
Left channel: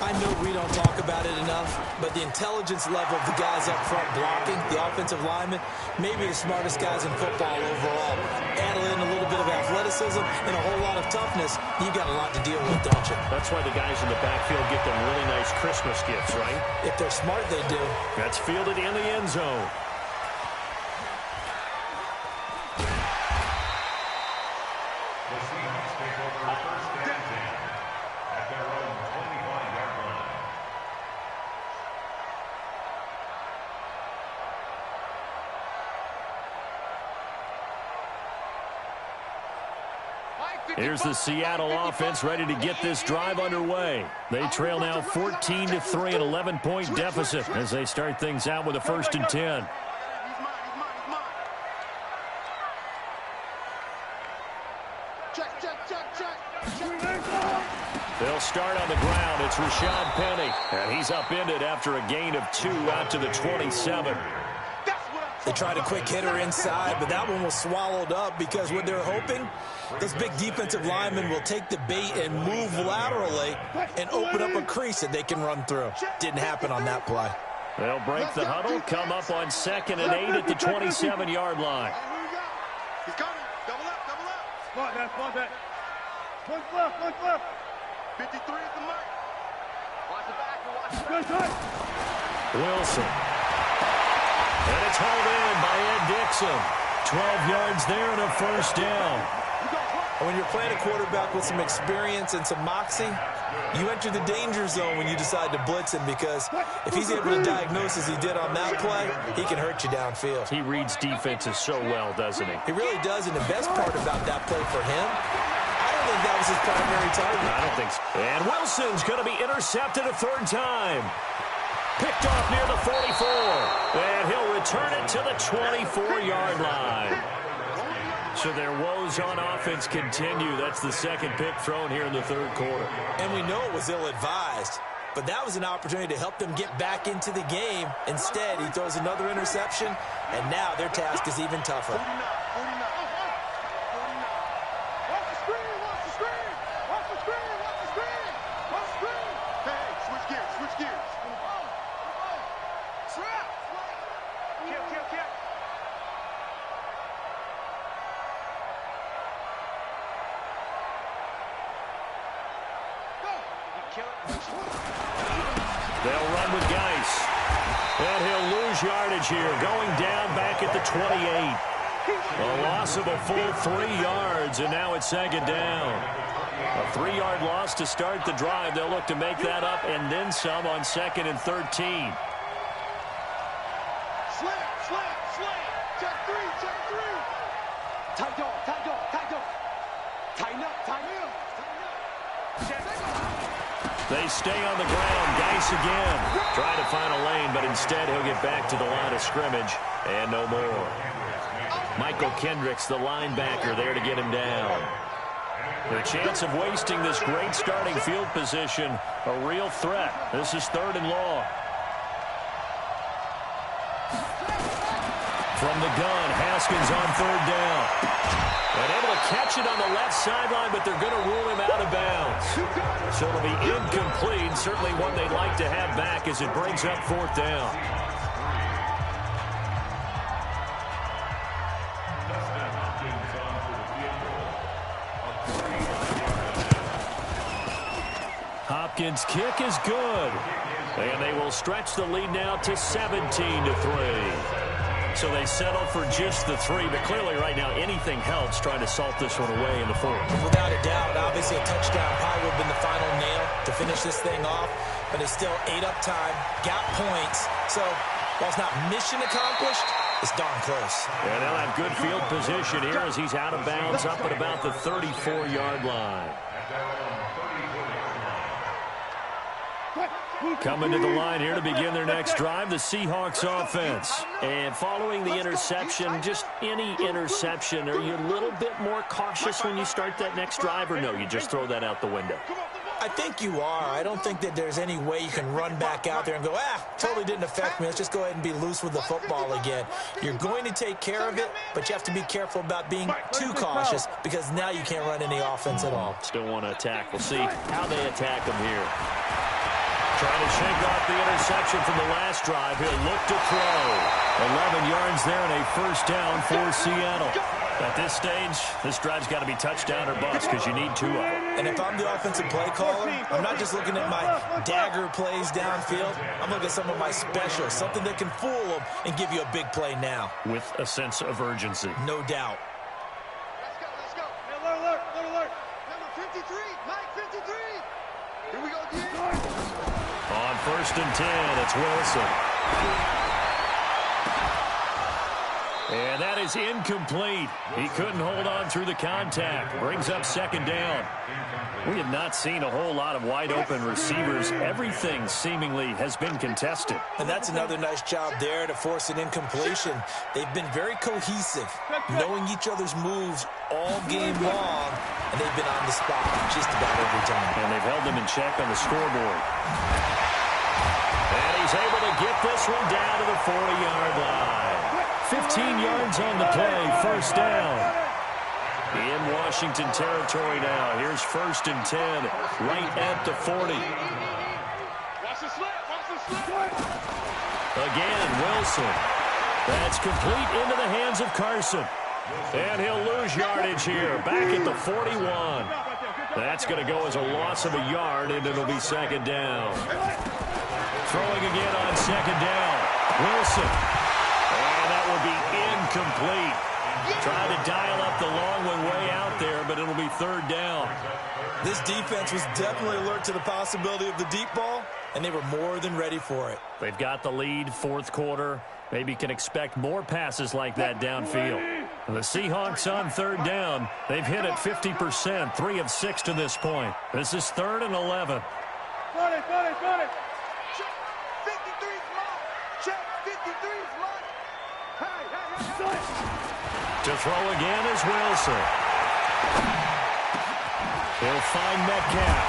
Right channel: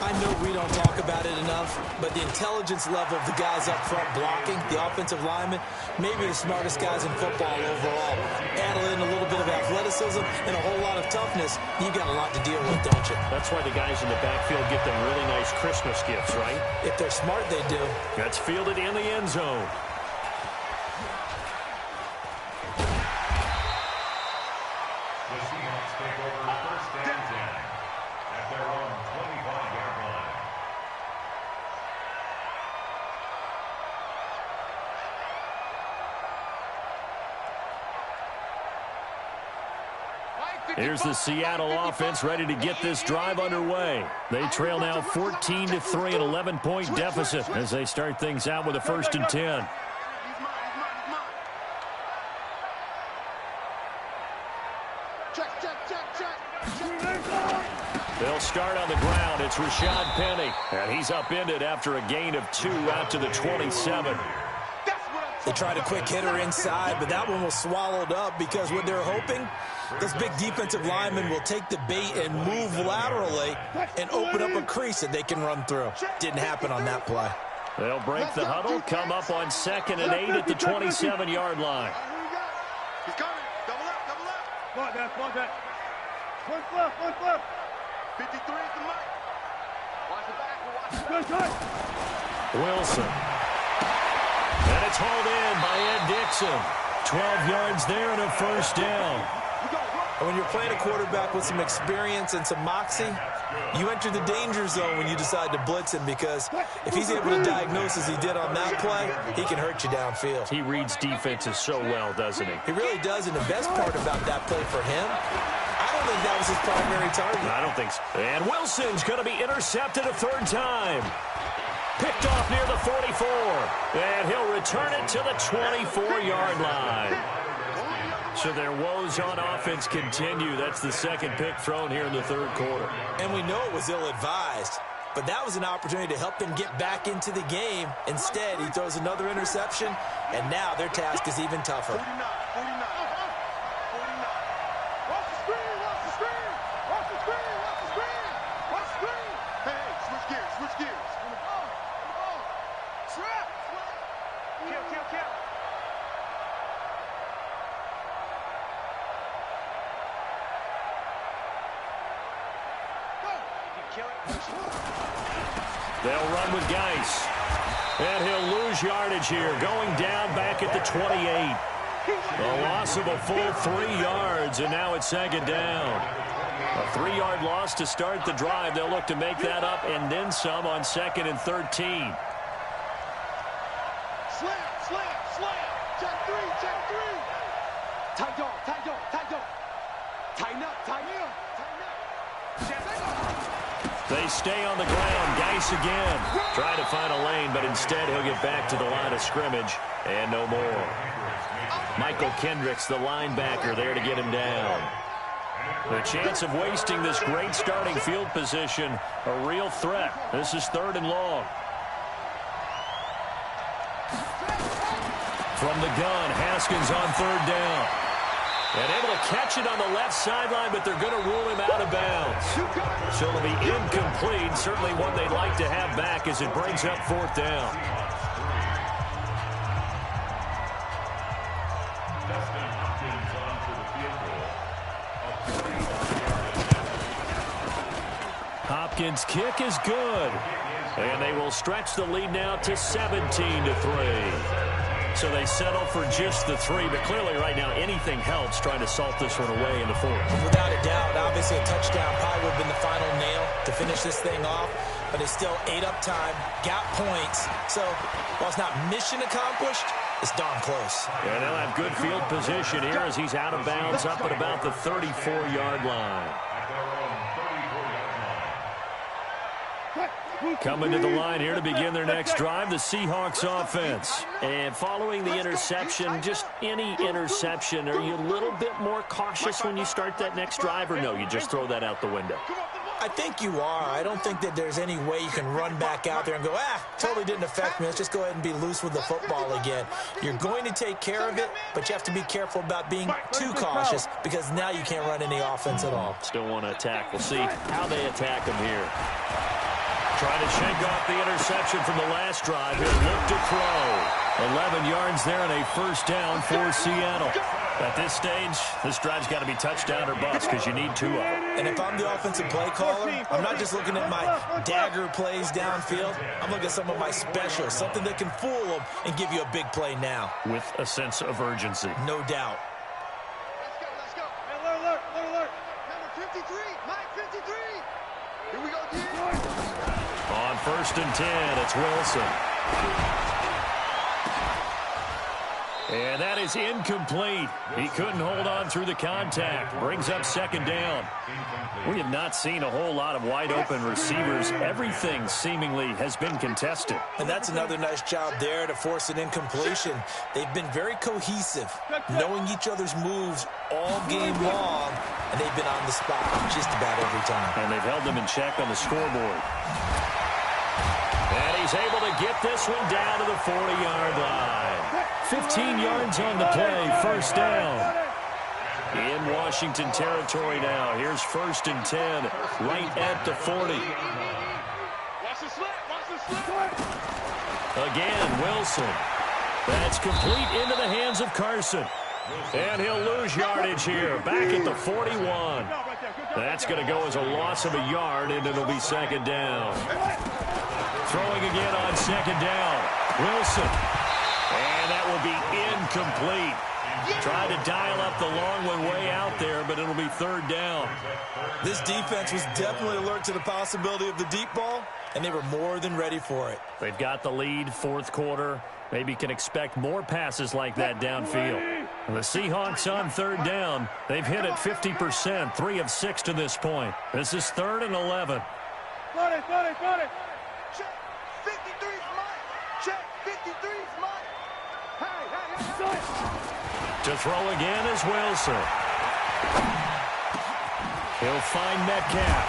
I know we don't talk about it enough, but the intelligence level of the guys up front blocking, the offensive linemen, maybe the smartest guys in football overall. Add in a little bit of athleticism and a whole lot of toughness, you've got a lot to deal with, don't you? That's why the guys in the backfield get them really nice Christmas gifts, right? If they're smart, they do. That's fielded in the end zone. The Seahawks take over first and 10 at their own 25-yard line. Here's the Seattle offense ready to get this drive underway. They trail now 14-3, an 11-point deficit as they start things out with a 1st and 10. They'll start on the ground. It's Rashad Penny, and he's upended after a gain of 2 out to the 27. They tried a quick hitter inside, but that one was swallowed up because what they're hoping, those big defensive linemen will take the bait and move laterally and open up a crease that they can run through. Didn't happen on that play. They'll break the huddle, come up on 2nd and 8 at the 27-yard line. He's coming. Double up, double up. Spot that. One left. 53 is the mic. Watch the back. Watch the back. Wilson. And it's hauled in by Ed Dixon. 12 yards there and a 1st down. And when you're playing a quarterback with some experience and some moxie, you enter the danger zone when you decide to blitz him, because if he's able to diagnose as he did on that play, he can hurt you downfield. He reads defenses so well, doesn't he? He really does, and the best part about that play for him, I don't think that was his primary target. I don't think so. And Wilson's going to be intercepted a 3rd time. Picked off near the 44. And he'll return it to the 24-yard line. So their woes on offense continue. That's the 2nd pick thrown here in the 3rd quarter. And we know it was ill-advised, but that was an opportunity to help them get back into the game. Instead, he throws another interception, and now their task is even tougher. 49. Watch the screen. Hey, switch gears. On the ball. Trap. Kill. They'll run with Geis. And he'll lose yardage here, going down back at the 28. A loss of a full 3 yards, and now it's 2nd down. A 3-yard loss to start the drive. They'll look to make that up and then some on 2nd and 13. Slam. Check three. Tight dog. Tighten up. They stay on the ground. Geis again. Trying to find a lane, but instead he'll get back to the line of scrimmage. And no more. Michael Kendricks, the linebacker, there to get him down. The chance of wasting this great starting field position, a real threat. This is 3rd and long. From the gun, Haskins on 3rd down. And able to catch it on the left sideline, but they're going to rule him out of bounds. So it'll be incomplete. Certainly one they'd like to have back as it brings up 4th down. Dustin Hopkins on for the field goal. Hopkins' kick is good. And they will stretch the lead now to 17-3. So they settle for just the 3, but clearly right now anything helps trying to salt this one away in the 4th. Without a doubt, obviously a touchdown probably would have been the final nail to finish this thing off, but it's still 8 up time, got points. So while it's not mission accomplished, it's darn close. And they'll have good field position here as he's out of bounds up at about the 34-yard line. At their own 34-yard line. Coming to the line here to begin their next drive, the Seahawks offense. And following the interception, just any interception, are you a little bit more cautious when you start that next drive, or no, you just throw that out the window? I think you are. I don't think that there's any way you can run back out there and go, totally didn't affect me. Let's just go ahead and be loose with the football again. You're going to take care of it, but you have to be careful about being too cautious because now you can't run any offense at all. Still want to attack. We'll see how they attack them here. Trying to shake off the interception from the last drive. He'll look to throw. 11 yards there and a first down for Seattle. At this stage, this drive's got to be touchdown or bust because you need 2 of them. And if I'm the offensive play caller, I'm not just looking at my dagger plays downfield. I'm looking at some of my specials, something that can fool them and give you a big play now. With a sense of urgency. No doubt. Let's go. Hey, alert. Number 53, Mike 53. Here we go, again. On 1st and 10, it's Wilson. And that is incomplete. He couldn't hold on through the contact. Brings up 2nd down. We have not seen a whole lot of wide-open receivers. Everything seemingly has been contested. And that's another nice job there to force an incompletion. They've been very cohesive, knowing each other's moves all game long, and they've been on the spot just about every time. And they've held them in check on the scoreboard. And he's able to get this one down to the 40-yard line. 15 yards on the play, 1st down. In Washington territory now. Here's 1st and 10, right at the 40. Watch the slant. Again, Wilson. That's complete into the hands of Carson. And he'll lose yardage here, back at the 41. That's going to go as a loss of a yard, and it'll be 2nd down. Throwing again on 2nd down. Wilson. And that will be incomplete. Tried to dial up the long one way out there, but it'll be 3rd down. This defense was definitely alert to the possibility of the deep ball, and they were more than ready for it. They've got the lead, 4th quarter. Maybe can expect more passes like that downfield. The Seahawks on 3rd down. They've hit it 50%, 3 of 6 to this point. This is 3rd and 11. Got it. Check 53's mine. Check 53's mine. Hey. To throw again is Wilson. He'll find Metcalf.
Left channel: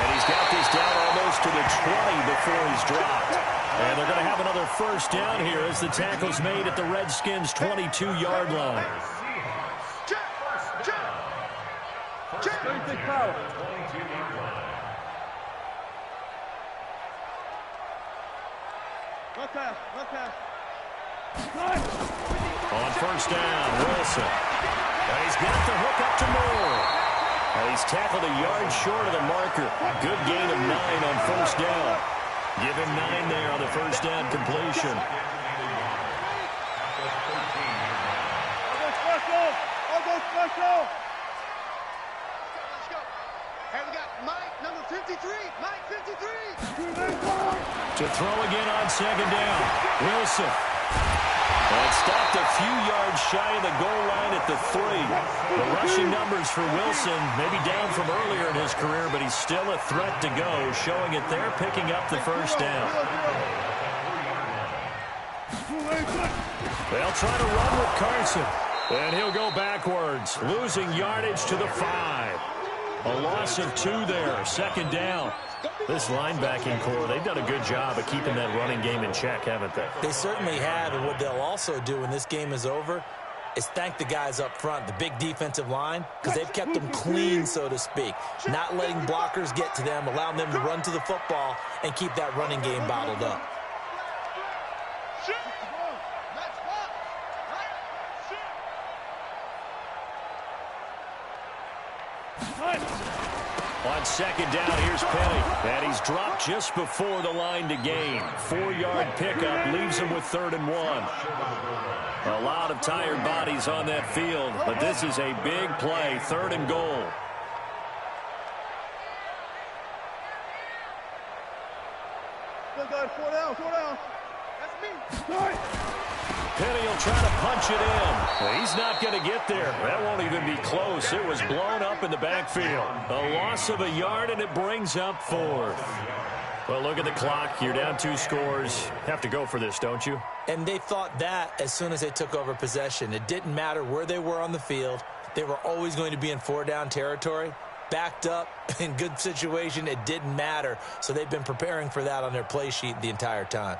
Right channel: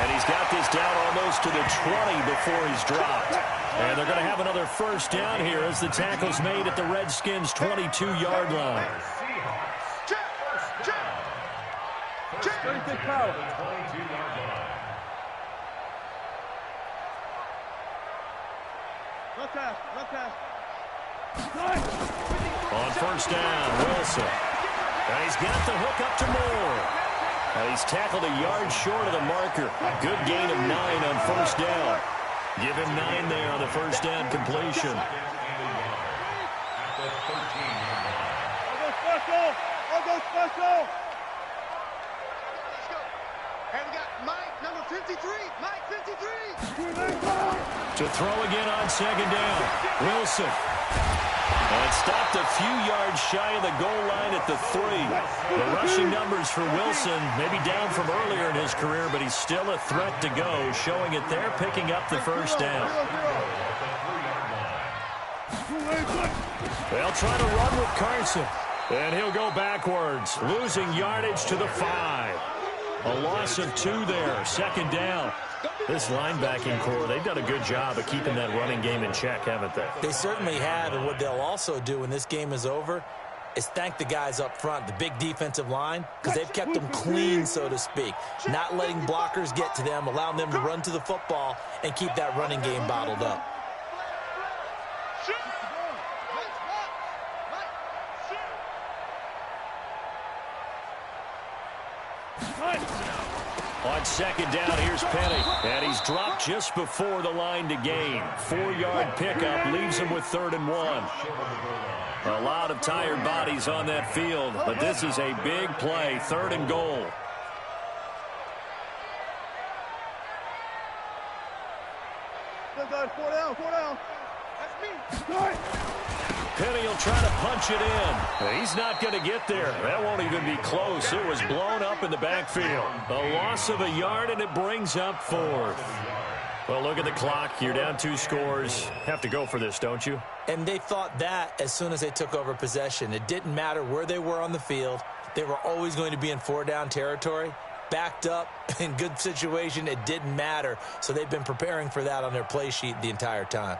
And he's got this down almost to the 20 before he's dropped. And they're going to have another 1st down here as the tackle's made at the Redskins' 22-yard line. Check. 36 power. 22-yard line. Left pass. On 1st down, Wilson. And he's got the hook up to Moore. And he's tackled a yard short of the marker. Good gain of 9 on 1st down. Give him 9 there on the 1st down completion. I'll go special. Let's go. And we got Mike, number 53. Mike 53. To throw again on 2nd down. Wilson. And stopped a few yards shy of the goal line at the 3. The rushing numbers for Wilson maybe down from earlier in his career, but he's still a threat to go, showing it there, picking up the 1st down. They'll try to run with Carson. And he'll go backwards, losing yardage to the 5. A loss of 2 there, 2nd down. This linebacking core, they've done a good job of keeping that running game in check, haven't they? They certainly have, and what they'll also do when this game is over is thank the guys up front, the big defensive line, because they've kept them clean, so to speak, not letting blockers get to them, allowing them to run to the football and keep that running game bottled up. On 2nd down, here's Penny. And he's dropped just before the line to gain. 4-yard pickup leaves him with 3rd and 1. A lot of tired bodies on that field, but this is a big play, 3rd and goal. Still got 4 down. That's me. Penny will try to punch it in. He's not going to get there. That won't even be close. It was blown up in the backfield. A loss of a yard, and it brings up 4th. Well, look at the clock. You're down 2 scores. Have to go for this, don't you? And they thought that as soon as they took over possession. It didn't matter where they were on the field. They were always going to be in 4-down territory. Backed up, in good situation, it didn't matter. So they've been preparing for that on their play sheet the entire time.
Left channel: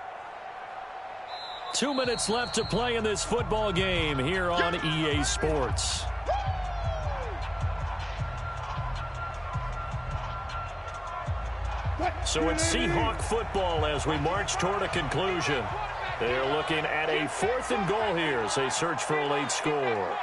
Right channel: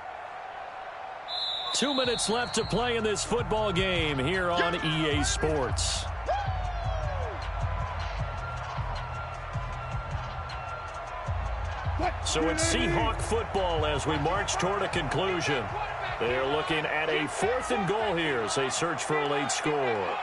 2 minutes left to play in this football game here on EA Sports. So it's Seahawk football as we march toward a conclusion. They're looking at a 4th and goal here as they search for a late score.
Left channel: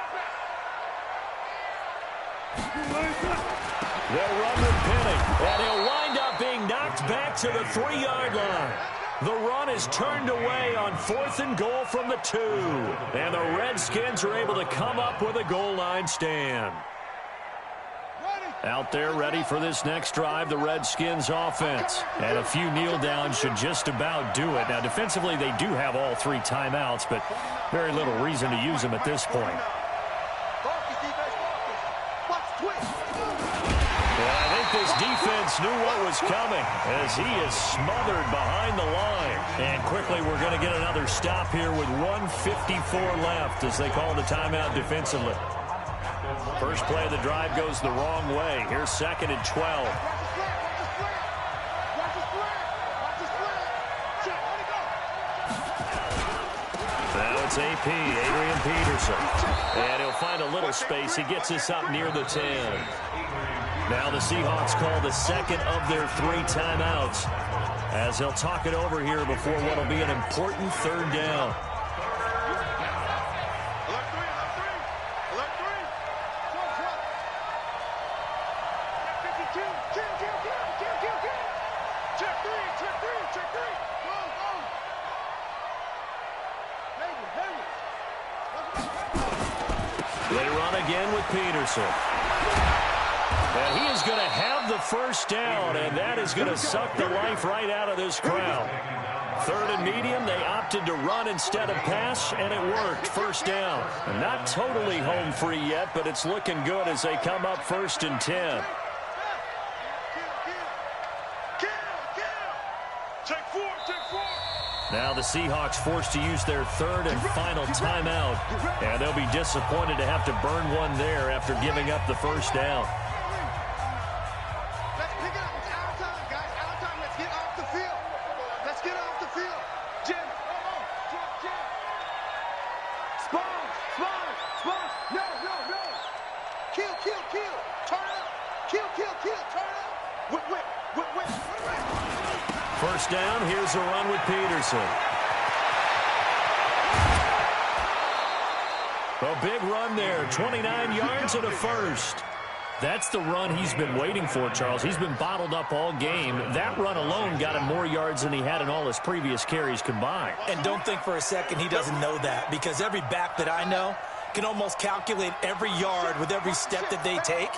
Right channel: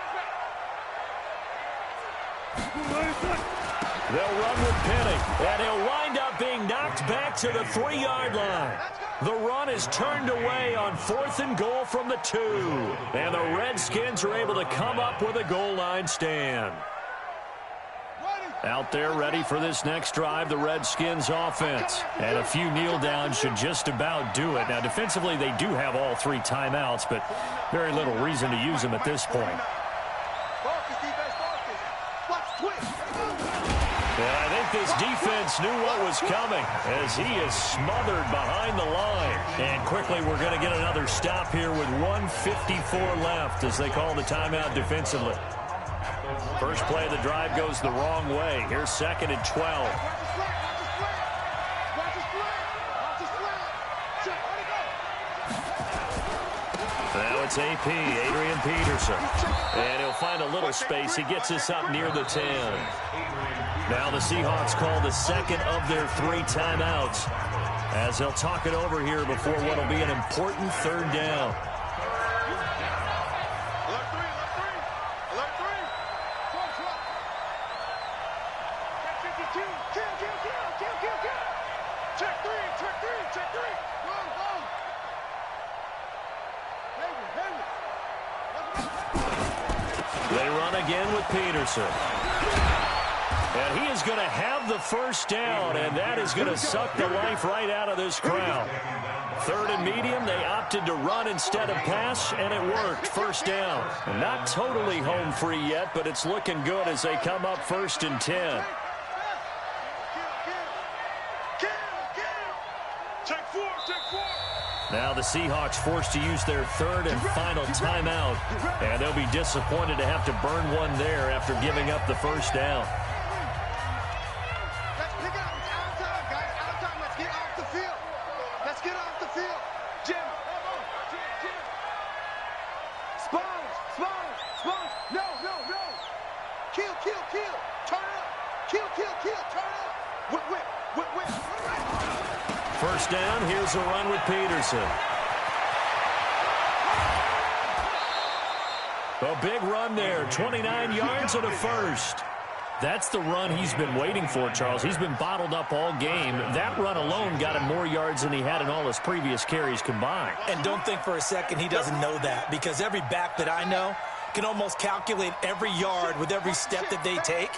They'll run with Penny, and he'll wind up being knocked back to the 3-yard line. The run is turned away on 4th and goal from the 2. And the Redskins are able to come up with a goal line stand. Out there ready for this next drive, the Redskins offense. And a few kneel downs should just about do it. Now, defensively, they do have all 3 timeouts, but very little reason to use them at this point. And I think this defense knew what was coming as he is smothered behind the line. And quickly we're going to get another stop here with 1:54 left as they call the timeout defensively. First play of the drive goes the wrong way. Here's 2nd and 12. Now it's AP, Adrian Peterson. And he'll find a little space. He gets us up near the 10. Now the Seahawks call the 2nd of their 3 timeouts as they'll talk it over here before what will be an important 3rd down. Alert 3, alert 3. Alert 3. Check 52. Kill. Check 3. Go. They run again with Peterson. And he is going to have the 1st down, and that is going to suck the life right out of this crowd. 3rd and medium, they opted to run instead of pass, and it worked. 1st down. Not totally home free yet, but it's looking good as they come up 1st and 10. Take 4. Now the Seahawks forced to use their 3rd and final timeout, and they'll be disappointed to have to burn one there after giving up the 1st down. Let's pick it up. It's our time, guys. Our time. Let's get off the field. Jim. Spons. No. Kill. Turn up. Kill. Turn up. Whip. 1st down, here's a run with Peterson. A big run there, 29 yards and a 1st. That's the run he's been waiting for, Charles. He's been bottled up all game. That run alone got him more yards than he had in all his previous carries combined. And don't think for a second he doesn't know that, because every back that I know can almost calculate every yard with every step that they take.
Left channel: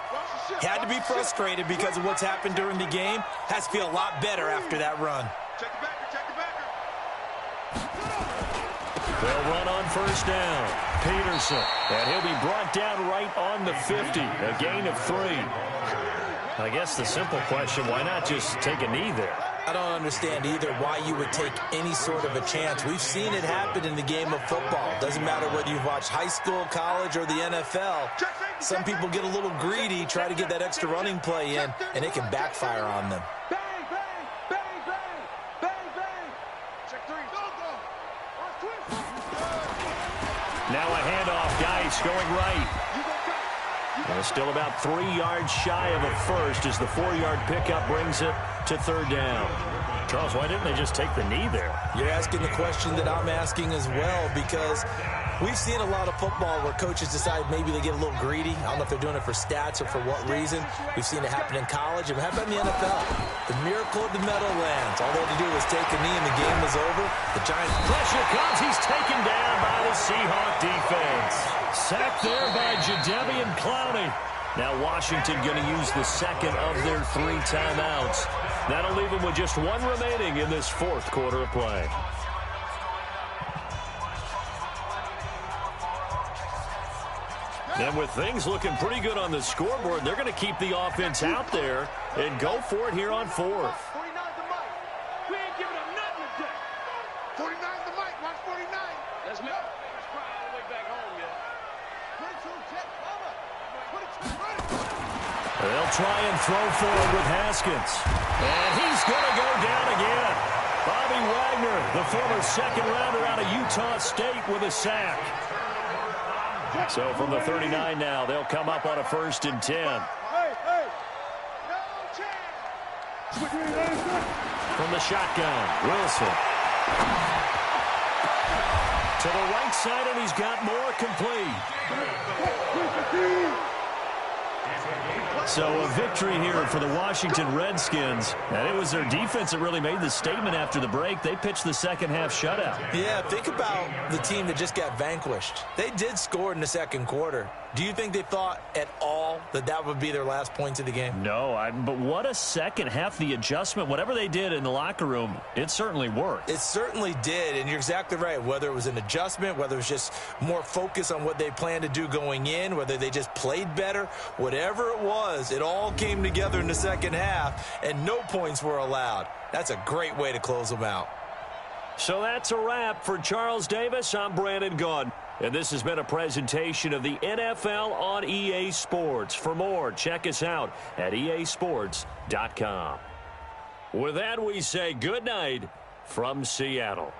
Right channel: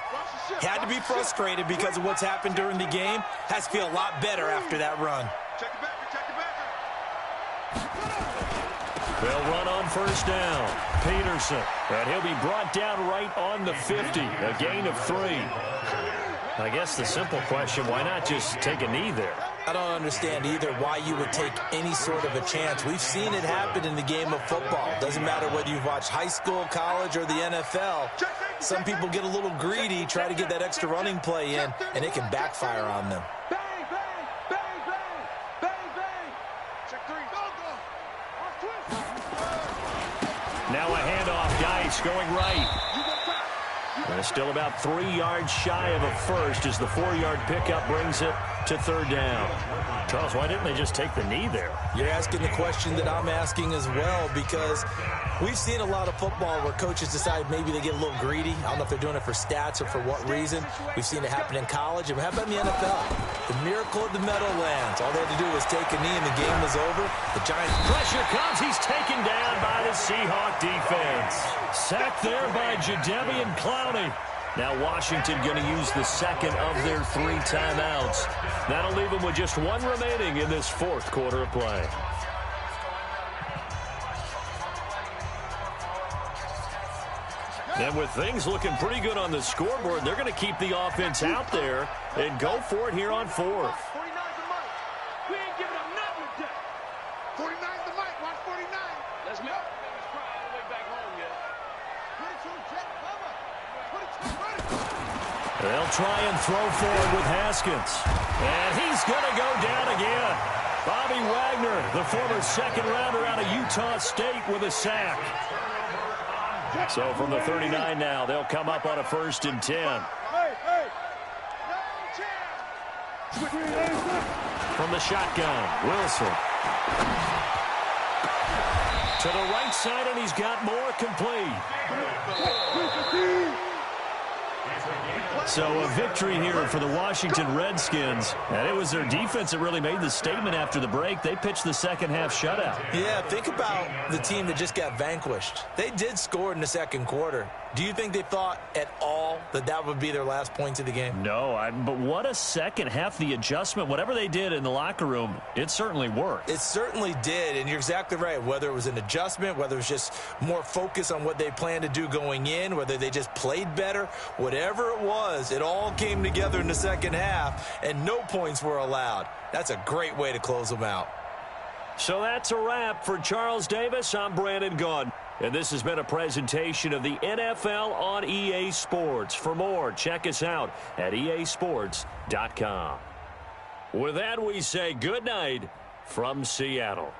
Had to be frustrated because of what's happened during the game. Has to feel a lot better after that run. Check the backer. They'll run on 1st down. Peterson. And he'll be brought down right on the 50. A gain of 3. I guess the simple question, why not just take a knee there? I don't understand either why you would take any sort of a chance. We've seen it happen in the game of football. Doesn't matter whether you've watched high school, college, or the NFL. Some people get a little greedy, try to get that extra running play in, and it can backfire on them. Bang. Check 3. Go. Now a handoff. Geis going right. And it's still about 3 yards shy of a 1st as the 4-yard pickup brings it to 3rd down. Charles, why didn't they just take the knee there? You're asking the question that I'm asking as well, because we've seen a lot of football where coaches decide maybe they get a little greedy. I don't know if they're doing it for stats or for what reason. We've seen it happen in college. And how about in the NFL? The miracle of the Meadowlands. All they had to do was take a knee and the game was over. The Giants. Pressure comes. He's taken down by the Seahawk defense. Sacked there by Jadeveon Clowney. Now Washington going to use the 2nd of their 3 timeouts. That'll leave them with just 1 remaining in this 4th quarter of play. And with things looking pretty good on the scoreboard, they're going to keep the offense out there and go for it here on fourth. 49's the mic. We ain't giving up nothing today. 49's the mic. Watch 49. Let's make the babies cry all the way back home, yeah. 22, Jet, mama. 22, ready. They'll try and throw forward with Haskins. And he's going to go down again. Bobby Wagner, the former second-rounder out of Utah State, with a sack. So from the 39 now, they'll come up on a 1st and 10. Hey, hey. No chance. From the shotgun, Wilson. To the right side, and he's got more complete. So a victory here for the Washington Redskins. And it was their defense that really made the statement after the break. They pitched the second-half shutout. Yeah, think about the team that just got vanquished. They did score in the second quarter. Do you think they thought at all that that would be their last points of the game? No, but what a second half. The adjustment, whatever they did in the locker room, it certainly worked. It certainly did, and you're exactly right. Whether it was an adjustment, whether it was just more focus on what they planned to do going in, whether they just played better, whatever it was, it all came together in the second half, and no points were allowed. That's a great way to close them out. So that's a wrap for Charles Davis. I'm Brandon Gaudin. And this has been a presentation of the NFL on EA Sports. For more, check us out at easports.com. With that, we say good night from Seattle.